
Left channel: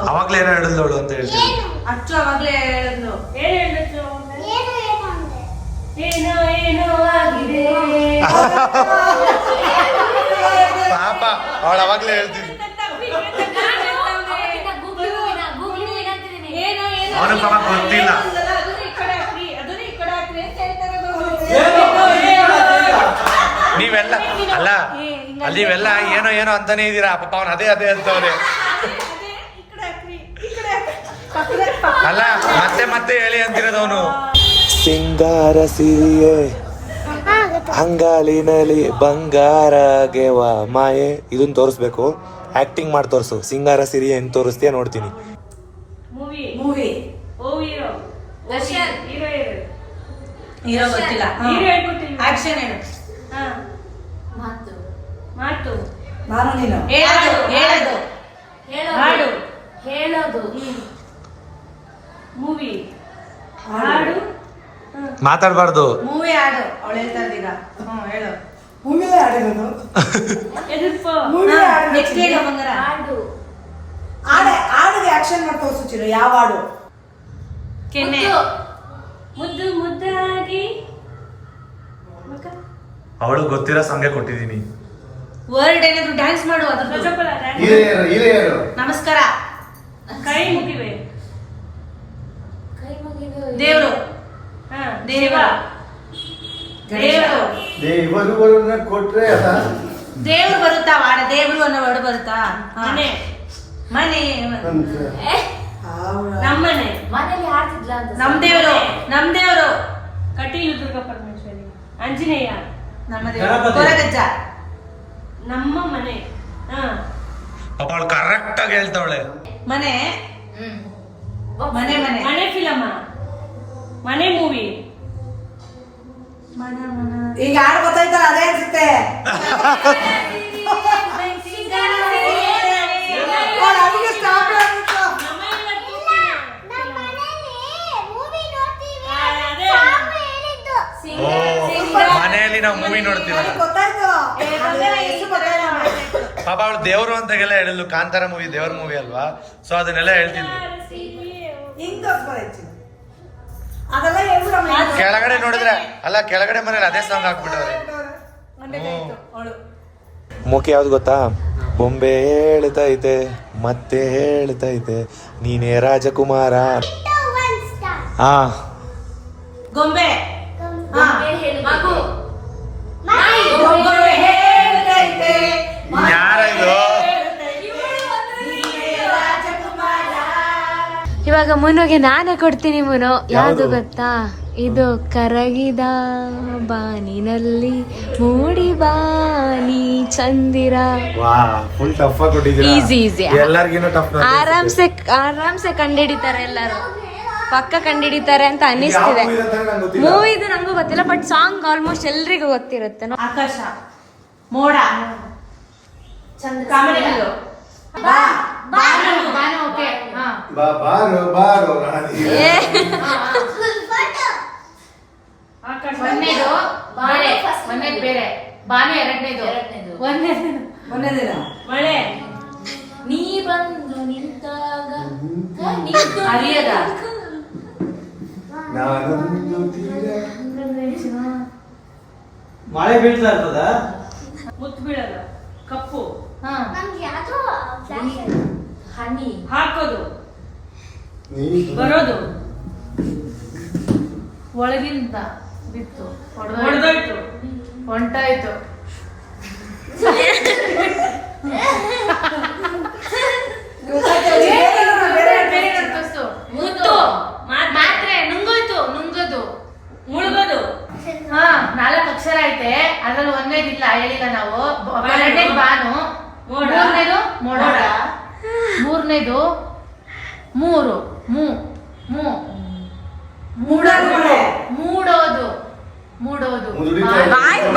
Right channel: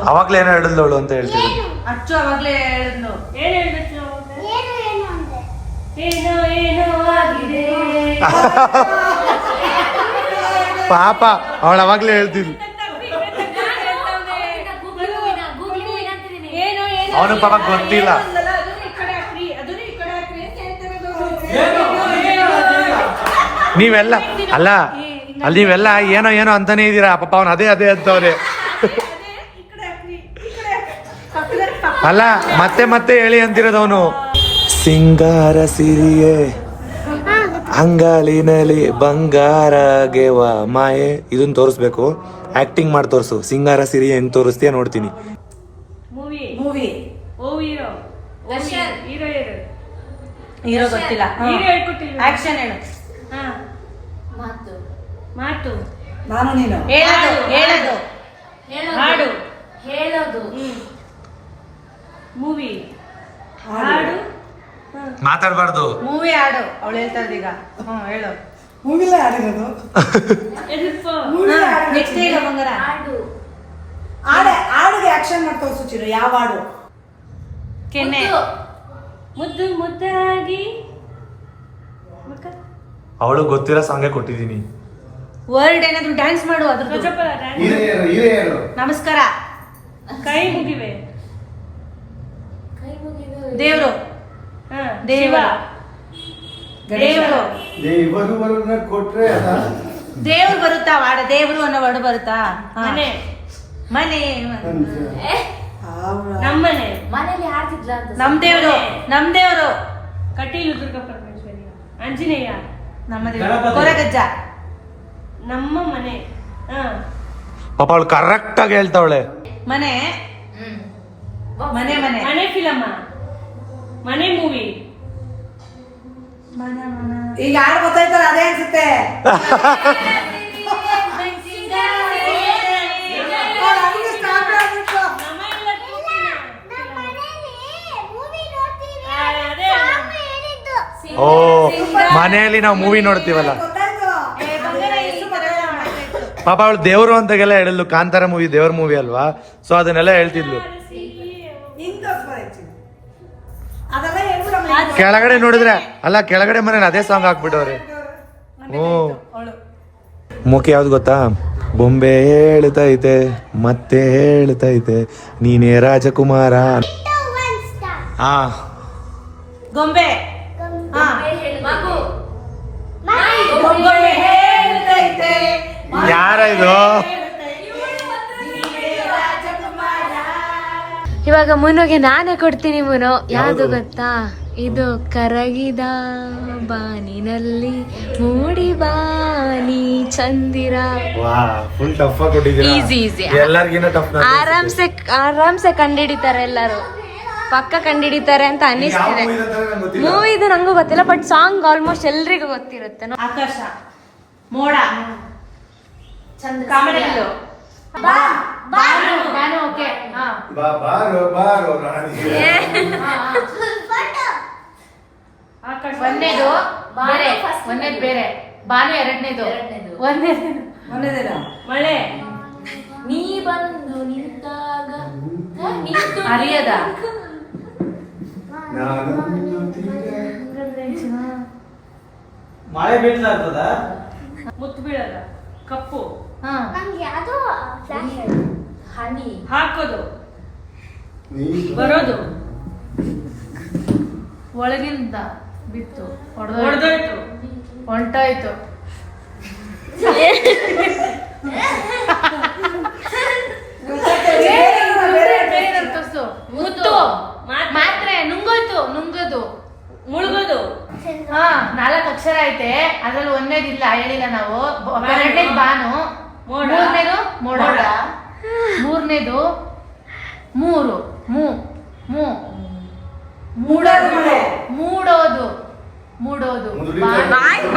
ಅವಾಗ್ಲೇ ಏನೋ ಹೇಳಿದವಳು ಅಂತ ಹೇಳ್ತೀವಿ. ಅಚ್ಚು ಅವಾಗ್ಲೇ ಹೇಳಿದ್ಲು. ಪಾಪ ಅವಳು ಅವಾಗ್ಲೇ ಹೇಳ್ತೀವಿ. ಅವನು ಪಾಪ ಗೊತ್ತಿಲ್ಲ. ನೀವೆಲ್ಲ ಅಲ್ಲ, ಅಲ್ಲಿ ನೀವೆಲ್ಲ ಏನೋ ಏನೋ ಅಂತಾನೆ ಇದೀರಾ. ಪಾಪ ಅವನು ಅದೇ ಅದೇ ಅಂತವನೆ. ಅಲ್ಲ ಮತ್ತೆ ಮತ್ತೆ ಹೇಳಿ ಅಂತಿರೋದವನು. ಸಿಂಗಾರ ಸಿರಿಯೇ ಅಂಗಾಲಿನಲ್ಲಿ ಬಂಗಾರ ಗೆವ ಮಾಯೆ, ಇದನ್ನ ತೋರಿಸ್ಬೇಕು. ಆಕ್ಟಿಂಗ್ ಮಾಡಿ ತೋರಿಸು. ಸಿಂಗಾರ ಸಿರಿ ಹೆಂಗ್ ತೋರಿಸ್ತೀಯ ನೋಡ್ತೀನಿ. ಮೂವಿ ಮೂವಿ ಓ ಹೀರೋ ಹೀರೋ ಹೀರೋ ಗೊತ್ತಿಲ್ಲ. ಹೀರೋ ಹೇಳ್ಕೊಡ್ತೀನಿ. ಆಕ್ಷನ್ ಹೇಳು. ಹಾ ಮಾತು ಮಾತು ನಾನು ನೀನು ಹೇಳೋದು ಹೇಳೋದು ಹಾಡು ಹೇಳೋದು ಮೂವಿ ಹಾಡು ಮಾತಾಡಬಾರ್ದು. ಮೂವಿ ಹಾಡು ಅವಳು ಹೇಳ್ತಾರೆ ಈಗ. ಹೇಳು. ಮೂವಿಲೇ ಹಾಡಿರೋದು. ಎದುರ್ಪ ಮೂವಿ ಹಾಡು ನೆಕ್ಸ್ಟ್ ಹೇಳು ಮಂಗನ. ಹಾಡು ಹಾಡಿಗೆ ಆಕ್ಷನ್ ಮಾಡಿ ತೋರಿಸು ಚಿರು. ಯಾವ ಹಾಡು? ಕೆನ್ನೆ ಮುದ್ದು ಮುದ್ದಾಗಿ ಅವಳು ಗೊತ್ತಿರೋ ಸಾಂಗೆ ಕೊಟ್ಟಿದ್ದೀನಿ. ವರ್ಡ್ ಏನಾದ್ರು ಡ್ಯಾನ್ಸ್ ಮಾಡು. ಅದ್ರ ನಮಸ್ಕಾರ. ಕೈ ಮುಗಿವೆ ಕೈ ಮುಗಿದು ದೇವ್ರು ಹಾ ದೇವ ದೇವ್ರು ಕೊಟ್ರೆ ದೇವ್ರು ಬರುತ್ತಾ ವಾಡ? ದೇವ್ರು ಅನ್ನೋ ವರ್ಡ್ ಬರುತ್ತಾ? ಮನೆ ಮನೆ ನಮ್ಮನೆ ಮನೇಲಿ ಆಡ್ತಿದ್ಲ ಅಂತ ನಮ್ ದೇವ್ರು ನಮ್ ದೇವ್ರು ಕಟೀಲು ದುರ್ಗಾ ಪರಮೇಶ್ವರಿ ಆಂಜನೇಯ ನಮ್ಮ ದೇವ್ರು ಕೊರಗಜ್ಜ. ನಮ್ಮ ಮನೆ ಹಾ ಪಾಪ ಅವಳು ಕರೆಕ್ಟ್ ಆಗಿ ಹೇಳ್ತಾವಳೆ. ಮನೆ ಮನೆ ಮನೆ ಮನೆ ಫಿಲಮ ಮನೆ ಮೂವಿ ಈಗ ಹಾಡು ಗೊತ್ತಾಯ್ತಲ್ಲ ಅದೇ ಅನ್ಸುತ್ತೆ. ಓ ಮನೆಯಲ್ಲಿ ನಾವು ಮೂವಿ ನೋಡ್ತೀವಲ್ಲ. ಗೊತ್ತಾಯ್ತು. ಪಾಪ ಅವಳು ದೇವ್ರು ಅಂತಾಗೆಲ್ಲ ಹೇಳಲು. ಕಾಂತಾರ ಮೂವಿ ದೇವ್ರ ಮೂವಿ ಅಲ್ವಾ, ಸೊ ಅದನ್ನೆಲ್ಲ ಹೇಳ್ತಿದ್ಲು. ಹಿಂಗ್ ತೋರ್ಸ್ಬಾರ್ದು. ಅದೆಲ್ಲ ಹೇಳ್ಬಿಡು ಆಮೇಲೆ. ಕೆಳಗಡೆ ನೋಡಿದ್ರೆ ಅಲ್ಲ, ಕೆಳಗಡೆ ಮನೇಲಿ ಅದೇ ಸಾಂಗ್ ಹಾಕ್ಬಿಟ್ಟವ್ರೆ. ಓ ಮುಖ ಯಾವ್ದು ಗೊತ್ತಾ? ಬೊಂಬೆ ಹೇಳ್ತೈತೆ ಮತ್ತೆ ಹೇಳ್ತೈತೆ ನೀನೇ ರಾಜಕುಮಾರ. ಹಾ ಗೊಂಬೆ ಮಗು ಗೊಂಬೆ ಹೇಳ್ತೈತೆ ಯಾರ ಇದು? ಇವಾಗ ಮುನುಗೆ ನಾನೇ ಕೊಡ್ತೀನಿ. ಮುನು ಯಾವ್ದು ಯಾವ್ದು? ಗೊತ್ತಾ? ಇದು ಕರಗಿದ ಬಾನಿನಲ್ಲಿ ಮೂಡಿ ಬಾನಿ ಚಂದಿರ. ವಾ ಫುಲ್ ಟಫ್ ಆಗಿ ಕೊಟ್ಟಿದ್ದೀರಾ. Easy, easy. ಎಲ್ಲರಿಗಿನ್ನ ಟಫ್. ಆರಾಮ್ಸೆ ಕಂಡಿಡಿತಾರೆ ಎಲ್ಲರೂ. ಪಕ್ಕ ಕಂಡಿಡಿತಾರೆ ಅಂತ ಅನಿಸ್ತಿದೆ. ಮೂವಿದು ನಂಗೂ ಗೊತ್ತಿಲ್ಲ, ಬಟ್ ಸಾಂಗ್ ಆಲ್ಮೋಸ್ಟ್ ಎಲ್ರಿಗೂ ಗೊತ್ತಿರುತ್ತೆ. ಆಕಾಶ ಮೋಡ ಚಂದ್ರ ಕಾಮಿಡಿಗಳು ಬಾನು ಓಕೆ ಹಾ ಬಾರೋ ಬಾರೋ ರಾಣಿ. ಆಕಾಶ ಒಂದೇದು ಬೇರೆ ಒಂದೇದು ಬೇರೆ ಬಾನು ಎರಡನೇದು ಮೊನ್ನೆದಿಲ್ಲ. ಮಳೆ ನೀ ಬಂದು ನಿಂತಾಗ ಹರಿಯದ ನಾನೊಂದು ತೀರ. ಮಳೆ ಬೀಳ್ತಾ ಇರ್ತದ. ಮುತ್ತು ಬೀಳದ ಕಪ್ಪು ಹನಿ ಹಾಕೋದು ನೀನು ಬರೋದು ಒಳಗಿಂದ ಬಿತ್ತು ಹೊಡೆದೋಯ್ತು ಹೊಂಟಾಯ್ತು. ಮುತ್ತು ಮಾತ್ರೆ ನುಂಗೋಯ್ತು ನುಂಗದು ಮುಳುಗೋದು ಹಾ 4 ಅಕ್ಷರ ಐತೆ. ಅದ್ರಲ್ಲಿ ಒಂದೇದಿಲ್ಲ, ಹೇಳಿಲ್ಲ ನಾವು. ಎರಡನೇದು ಬಾನು, ಮೋಡ. ಮೂರನೇದು ಮೋಡ, ಮೂರನೇದು ಮೂರು ಮೂ ಮೂ ಮೂಡೋದು ಮೂಡೋದು ಮೂಡೋದು ಬಾಯಿ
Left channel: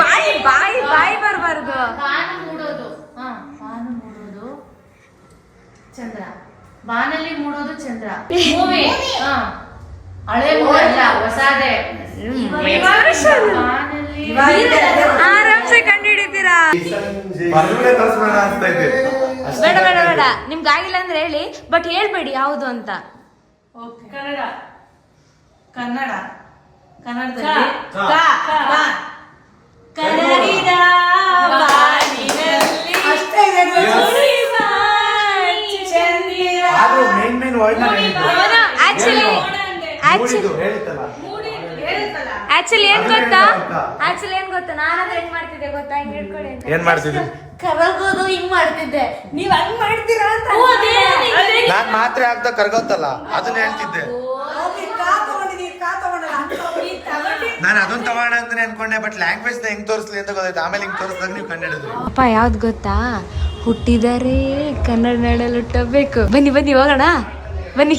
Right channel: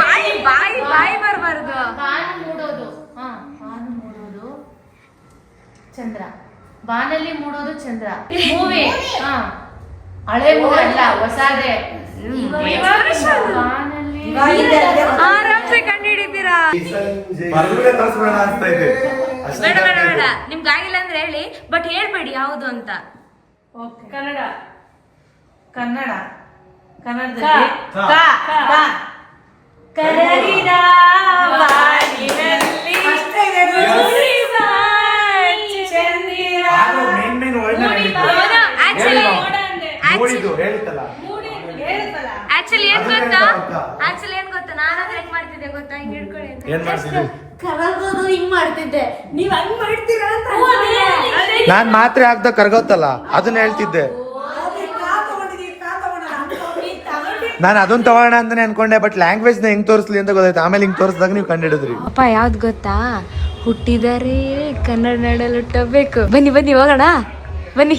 ಬರ್ಬಾರ್ದು. ಬಾನು ಮೂಡೋದು. ಹಾ ಬಾನು ಮೂಡೋದು ಚಂದ್ರ. ಬಾನಲ್ಲಿ ಮೂಡೋದು ಚಂದ್ರ. ಮೂವಿ ಹಾ ಹಳೆ ಮೂವಿ ಅಲ್ಲ, ಹೊಸದೇ. ಆರಾಮ್ಸೆ ಕಂಡಿಡಿತೀರಾ. ಬರ್ದುಬಿಟ್ಟೆ ತೋರಿಸ್ಬೇಡ ಅನ್ಸ್ತೈತೆ. ಬೇಡ ಬೇಡ ಬೇಡ, ನಿಮ್ಗೆ ಆಗಿಲ್ಲ ಅಂದ್ರೆ ಹೇಳಿ, ಬಟ್ ಹೇಳ್ಬೇಡಿ ಯಾವ್ದು ಅಂತ. ಕನ್ನಡ ಕನ್ನಡ ಕನ್ನಡದಲ್ಲಿ ಕ. ಕ. ಕ. ಕರಗಿದ ಬಾನಿನಲ್ಲಿ ಸುರಿವ ಚಂದಿರ ಆದ್ರೂ ಮೇನ್ ವರ್ಡ್ ಆಕ್ಚುಲಿ ಏನ್ ಅದನ್ನ ಗೊತ್ತಾ? ಹೇಳ್ತಾ ಗೊತ್ತಾ? ಆಕ್ಚುಲಿ ಏನ್ ಗೊತ್ತಾ? ನಾನಾದ್ರೆ ಏನ್ ಮಾಡ್ತಿದ್ದೆ ಗೊತ್ತಾ? ಹಿಂಗ್ ಹಿಡ್ಕೊಳ್ಳಿ ಅಂತ. ಏನ್ ಮಾಡ್ತಿದ್ದೆ? ಕರಗೋದು ಹಿಂಗ್ ಮಾಡ್ತಿದ್ದೆ. ನೀವ್ ಹಂಗ್ ಮಾಡ್ತೀರಾ ಅಂತ ನಾನ್ ಮಾತಾಡ್ ರಾತ್ರಿ ಆಗ್ದ ಕರ್ಗೋತ್ತಲ್ಲ ಅದನ್ನ ಹೇಳ್ತಿದ್ದೆ ನಾನು ಅದನ್ನ ತಗೋಣ ಅಂತಾನೆ ಅನ್ಕೊಂಡೆ, ಬಟ್ ಲ್ಯಾಂಗ್ವೇಜ್ ನ ಹೆಂಗ್ ತೋರಿಸ್ಲಿ ಅಂತ ಗೊತ್ತಾಯ್ತು. ಆಮೇಲೆ ಹಿಂಗ್ ತೋರಿಸಿದಾಗ ನೀವು ಕಂಡಿಡಿದ್ರಿ. ಅಪ್ಪ ಯಾವ್ದು ಗೊತ್ತಾ, ಹುಟ್ಟಿದರೆ ಕನ್ನಡ ನಾಡಲ್ಲಿ ಹುಟ್ಟಬೇಕು. ಬನ್ನಿ ಬನ್ನಿ ಹೋಗೋಣ ಬನ್ನಿ.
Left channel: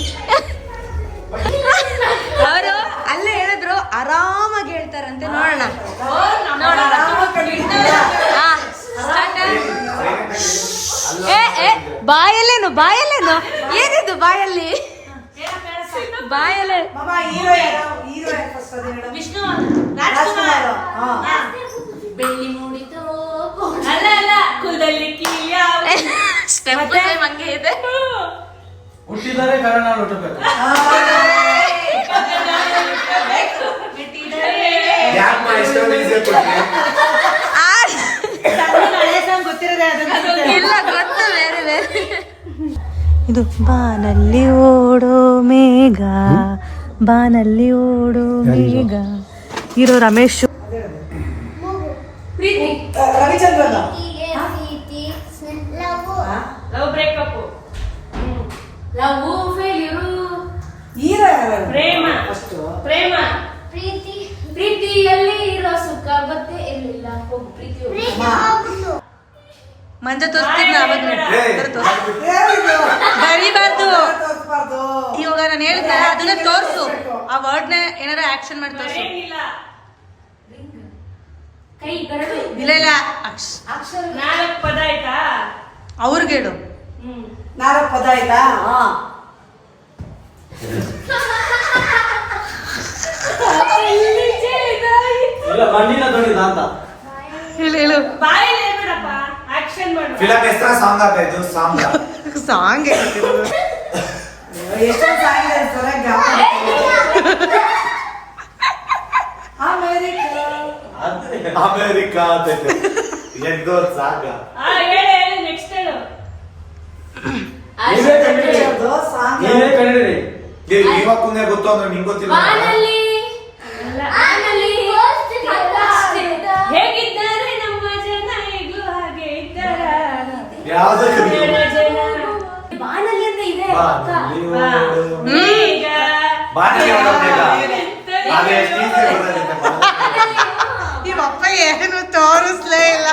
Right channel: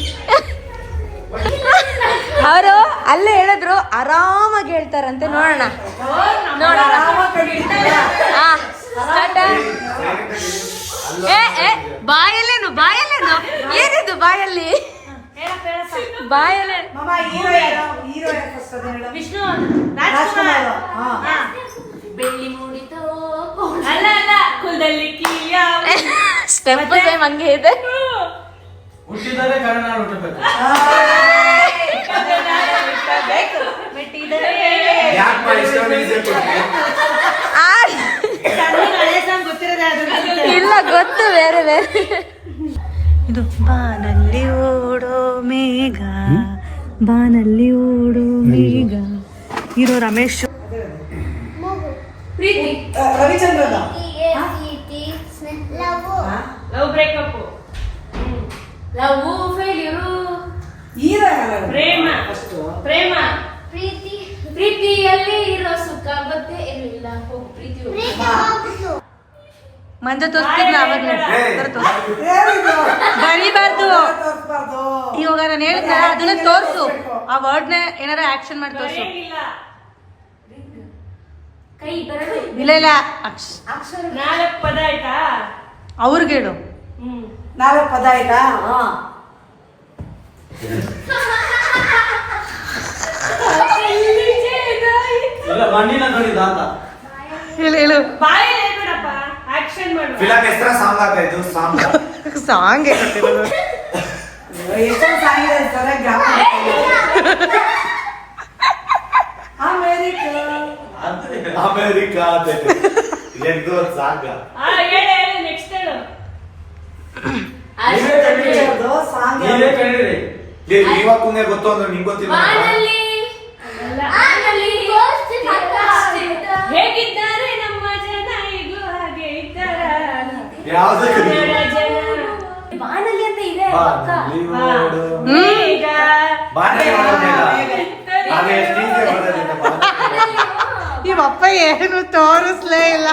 ಅವರು ಅಲ್ಲೇ ಹೇಳಿದ್ರು ಆರಾಮಾಗಿ ಹೇಳ್ತಾರಂತೆ, ನೋಡೋಣ ನೋಡೋಣ. ಹಾ ಸ್ಟಾರ್ಟ್. ಬಾಯಲ್ಲೇನು ಬಾಯಲ್ಲೇನು ಏನಿದು ಬಾಯಲ್ಲಿ ಬಾಯಲ್ಲಿ ವಿಷ್ಣು ರಾಜ್ಕುಮಾರ್. ಬೆಳ್ಳಿ ಮೂಡಿತೋ ಅಲ್ಲ ಅಲ್ಲ, ಕುಲದಲ್ಲಿ ಕೀಯ. ಸ್ಟೆಪ್ ಹಂಗೆ ಇದೆ. ಹುಟ್ಟಿದರೆ ಕನ್ನಡ ನಾಡು ಹುಟ್ಟಬೇಕು. ಇಲ್ಲ ಗೊತ್ತು ಬೇರೆ ಬೇರೆ. ಇದು ಬಾನಲ್ಲಿ ಓಡೋ ಮೇಘ, ಬಾನಲ್ಲಿ ಓಡೋ ಮೇಘ. ಹೀರೋ ರಮೇಶ್. ಪ್ರೀತಿ, ಲವ್ ಬ್ರೇಕಪ್, ಲವ್ ಫೇಲ್ಯೂರು, ಪ್ರೇಮ, ಪ್ರೇಮ, ಪ್ರೀತಿಯಲ್ಲಿ ಇರೋ ಸುಖ ಗೊತ್ತೇ ಇರಲಿಲ್ಲ. ಹೋಗು ಪ್ರೀತಿ ಮಂಜ ತೋರಿಸ್ತಿದ್ನ ಅವಾಗ್ಲೇ ಬರೀಬಾರ್ದು. ಇವಾಗ ನಾನು ಹೇಳಿದ್ನ ಅದನ್ನ ತೋರ್ಸು, ಆ ವರ್ಡ್ನ ಏನಾರ ಆಕ್ಷನ್ ಮಾಡಿ ತೋರ್ಸು. ಕೈ ಬೆರಳು ಇಲ್ಲ ಇಲ್ಲ 4 ಪದ ಆಯ್ತಾ? ಅವ್ರಿಗೆ ಹೇಳು. 4 ಪದ ಆಯ್ತಾ? ಇಲ್ಲ ಮಣ್ಣಿನ ಧ್ವನಿದ ಅಂತ. ಹೇಳು ಹೇಳು. ಬಾಯಲ್ಲಿ ಹೇಳ್ಬೇಡಪ್ಪ, ಆಕ್ಷನ್ ಮಾಡು. ಫಿಲಂ ಹೆಸರ ಸಾಂಗ್ ಆಯ್ತು. ಸಾಂಗ್ ಸಾಂಗ್ ಎಷ್ಟೋ ಸಾಂಗ್ ಇದೆ ಸರಿಯಾಗಿ ಜ್ಞಾಪಕ ಇಲ್ಲ. ಅಮೇರಿಕಾ ಅಂತ ಎಂದೋ ಸಾಂಗ. ಹೇಳು ನೆಕ್ಸ್ಟ್ ಹೇಳು. ಅದು ಸಾಂಗ್ ನೀವೇ ಕಂಡಿರಿ. ನೀವಕ್ಕೂನೇ ಗೊತ್ತು ಅಂದ್ರೆ ನಿಂಗೆ ಗೊತ್ತಿಲ್ಲ. ಹೇಗಿದ್ದಾರೆ ನಮ್ಮ ಜನ, ಹೇಗೂ ಹಾಗೆ ಇದ್ದಾರ ಯಾವ್ದು ಕನ್ನಡ ಜನ. ಬಾನಲ್ಲಿ ಅಂತ ಇದೆ ಅಕ್ಕ. ಈಗ ಬಾಣಿಗೆ ಬರೋದಿಲ್ಲ. ಅದೇ ಸ್ಟೀಜ್ಗೆ ಬರೋದಿಲ್ಲ. ಇವಪ್ಪ ಏನು ತೋರಿಸ್ಲೇ ಇಲ್ಲ.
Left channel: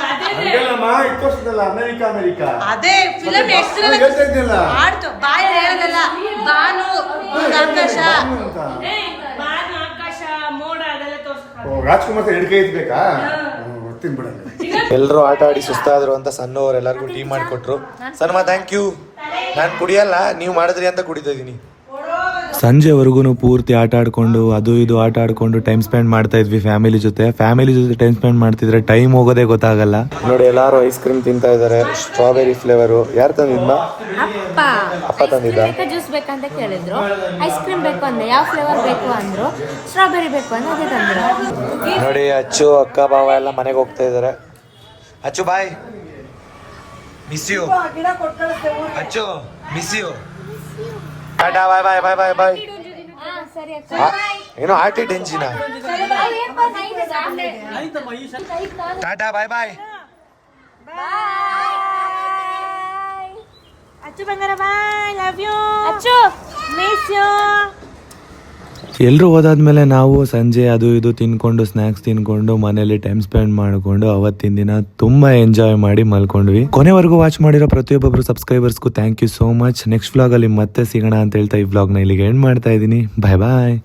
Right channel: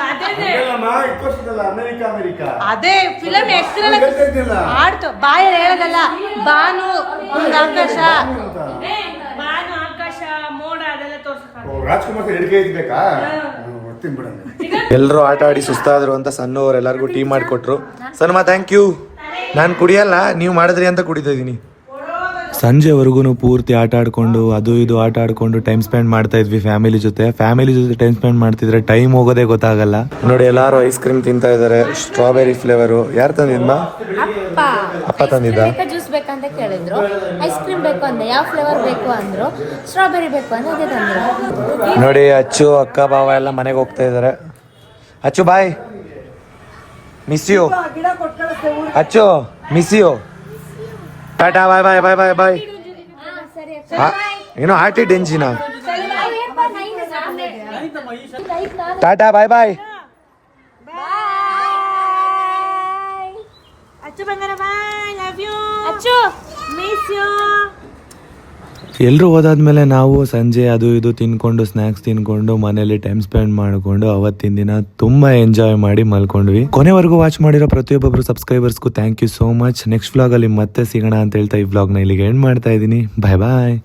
ಅಮೇರಿಕಾ ಅಮೇರಿಕಾ ಅದೇ ಫಿಲಂ ಹೆಸರು ಹೇಳ್ತಾ ಇದ್ದಿಲ್ಲ. ಆಡ್ತು ಬಾಯ ಹೇಳೋದಲ್ಲ. ಬಾನು ಆಕಾಶ ಬಾನು, ಆಕಾಶ, ಮೋಡ ಅದೆಲ್ಲ ತೋರ್ಸ್ತಾರೆ. ರಾಜ್ಕುಮಾರ್ ಹಿಡ್ಕೆ ಇದ್ಬೇಕಾ? ಬರ್ತೀನಿ ಬಿಡಲ್ಲ. ಎಲ್ಲರೂ ಆಟ ಆಡಿ ಸುಸ್ತಾದ್ರು ಅಂತ ಸಣ್ಣವ್ರು ಎಲ್ಲರಿಗೂ ಟೀ ಮಾಡಿಕೊಟ್ರು. ಸನ್ಮಾ ಥ್ಯಾಂಕ್ ಯು. ನಾನು ಕುಡಿಯಲ್ಲ, ನೀವು ಮಾಡಿದ್ರಿ ಅಂತ ಕುಡಿತಾ ಇದೀನಿ. ಸಂಜೆವರೆಗೂ ಪೂರ್ತಿ ಆಟ ಆಡ್ಕೊಂಡು ಅದು ಇದು ಆಟ ಆಡ್ಕೊಂಡು ಟೈಮ್ ಸ್ಪೆಂಡ್ ಮಾಡ್ತಾ ಇದ್ವಿ ಫ್ಯಾಮಿಲಿ ಜೊತೆ ಟೈಮ್ ಸ್ಪೆಂಡ್ ಮಾಡ್ತಿದ್ರೆ ಟೈಮ್ ಹೋಗೋದೇ ಗೊತ್ತಾಗಲ್ಲ. ನೋಡಿ ಎಲ್ಲಾರು ಐಸ್ ಕ್ರೀಮ್ ತಿಂತಾ ಇದಾರೆ, ಸ್ಟ್ರಾಬೆರಿ ಫ್ಲೇವರು. ಯಾರು ತಂದಿದ್ನ? ಅಪ್ಪ ಐಸ್ ಕ್ರೀಮ್ ಬೇಕಾ ಜ್ಯೂಸ್ ಬೇಕಂತ ಕೇಳಿದ್ರು. ಐಸ್ ಕ್ರೀಮ್ ಬೇಕು ಅಂದೆ, ಯಾವ ಫ್ಲೇವರ್ ಬೇಕು ಅಂದ್ರು. ಸ್ಟ್ರಾಬೆರಿ ಬೇಕು ಅಂದ್ರೆ ಅದೇ ತಂದ್ರು. ನೋಡಿ ಅಚ್ಚು ಅಕ್ಕ ಬಾವ ಎಲ್ಲ ಮನೆಗೆ ಹೋಗ್ತಾ ಇದಾರೆ. ಅಚ್ಚು ಬಾಯ್, ಮಿಸ್ ಯು. ಅಚ್ಚು ಮಿಸ್ ಯು. ಟಾಟಾ ಬಾಯ್ ಬಾಯ್ ಬಾಯ್ ಬಾಯ್ ಬಾಯ್. ಏನೋ ಆಟಿಡ್ ಎಂಜಿನ. ಟಾಟಾ ಬಾಯ್ ಬಾಯ್. ಅಚ್ಚು ಬಂಗಾರ ಬಾಯ್, ಲವ್ ಯು ಅಚ್ಚು, ಮಿಸ್ ಯು. ಎಲ್ಲರೂ ಹೋದಾದ್ಮೇಲೆ ನಾವು ಸಂಜೆ ಅದು ಇದು ತಿನ್ಕೊಂಡು ಸ್ನ್ಯಾಕ್ಸ್ ತಿನ್ಕೊಂಡು ಮನೇಲಿ ಟೈಮ್ ಸ್ಪೆಂಡ್ ಮಾಡಿಕೊಂಡು ಅವತ್ತಿನ ದಿನ ತುಂಬಾ ಎಂಜಾಯ್ ಮಾಡಿ ಮಲ್ಕೊಂಡ್ವಿ. ಕೊನೆವರೆಗೂ ವಾಚ್ ಮಾಡಿರೋ ಪ್ರತಿಯೊಬ್ಬೊಬ್ರು ಸಬ್ಸ್ಕ್ರೈಬರ್ಸ್ಗೂ thank you so much. Next vlog ಅಲ್ಲಿ ಮತ್ತೆ ಸಿಗೋಣ ಅಂತ ಹೇಳ್ತಾ ಈ ವ್ಲಾಗ್ನ ಇಲ್ಲಿಗೆ ಎಂಡ್ ಮಾಡ್ತಾ ಇದ್ದೀನಿ. ಬಾಯ್ ಬಾಯ್.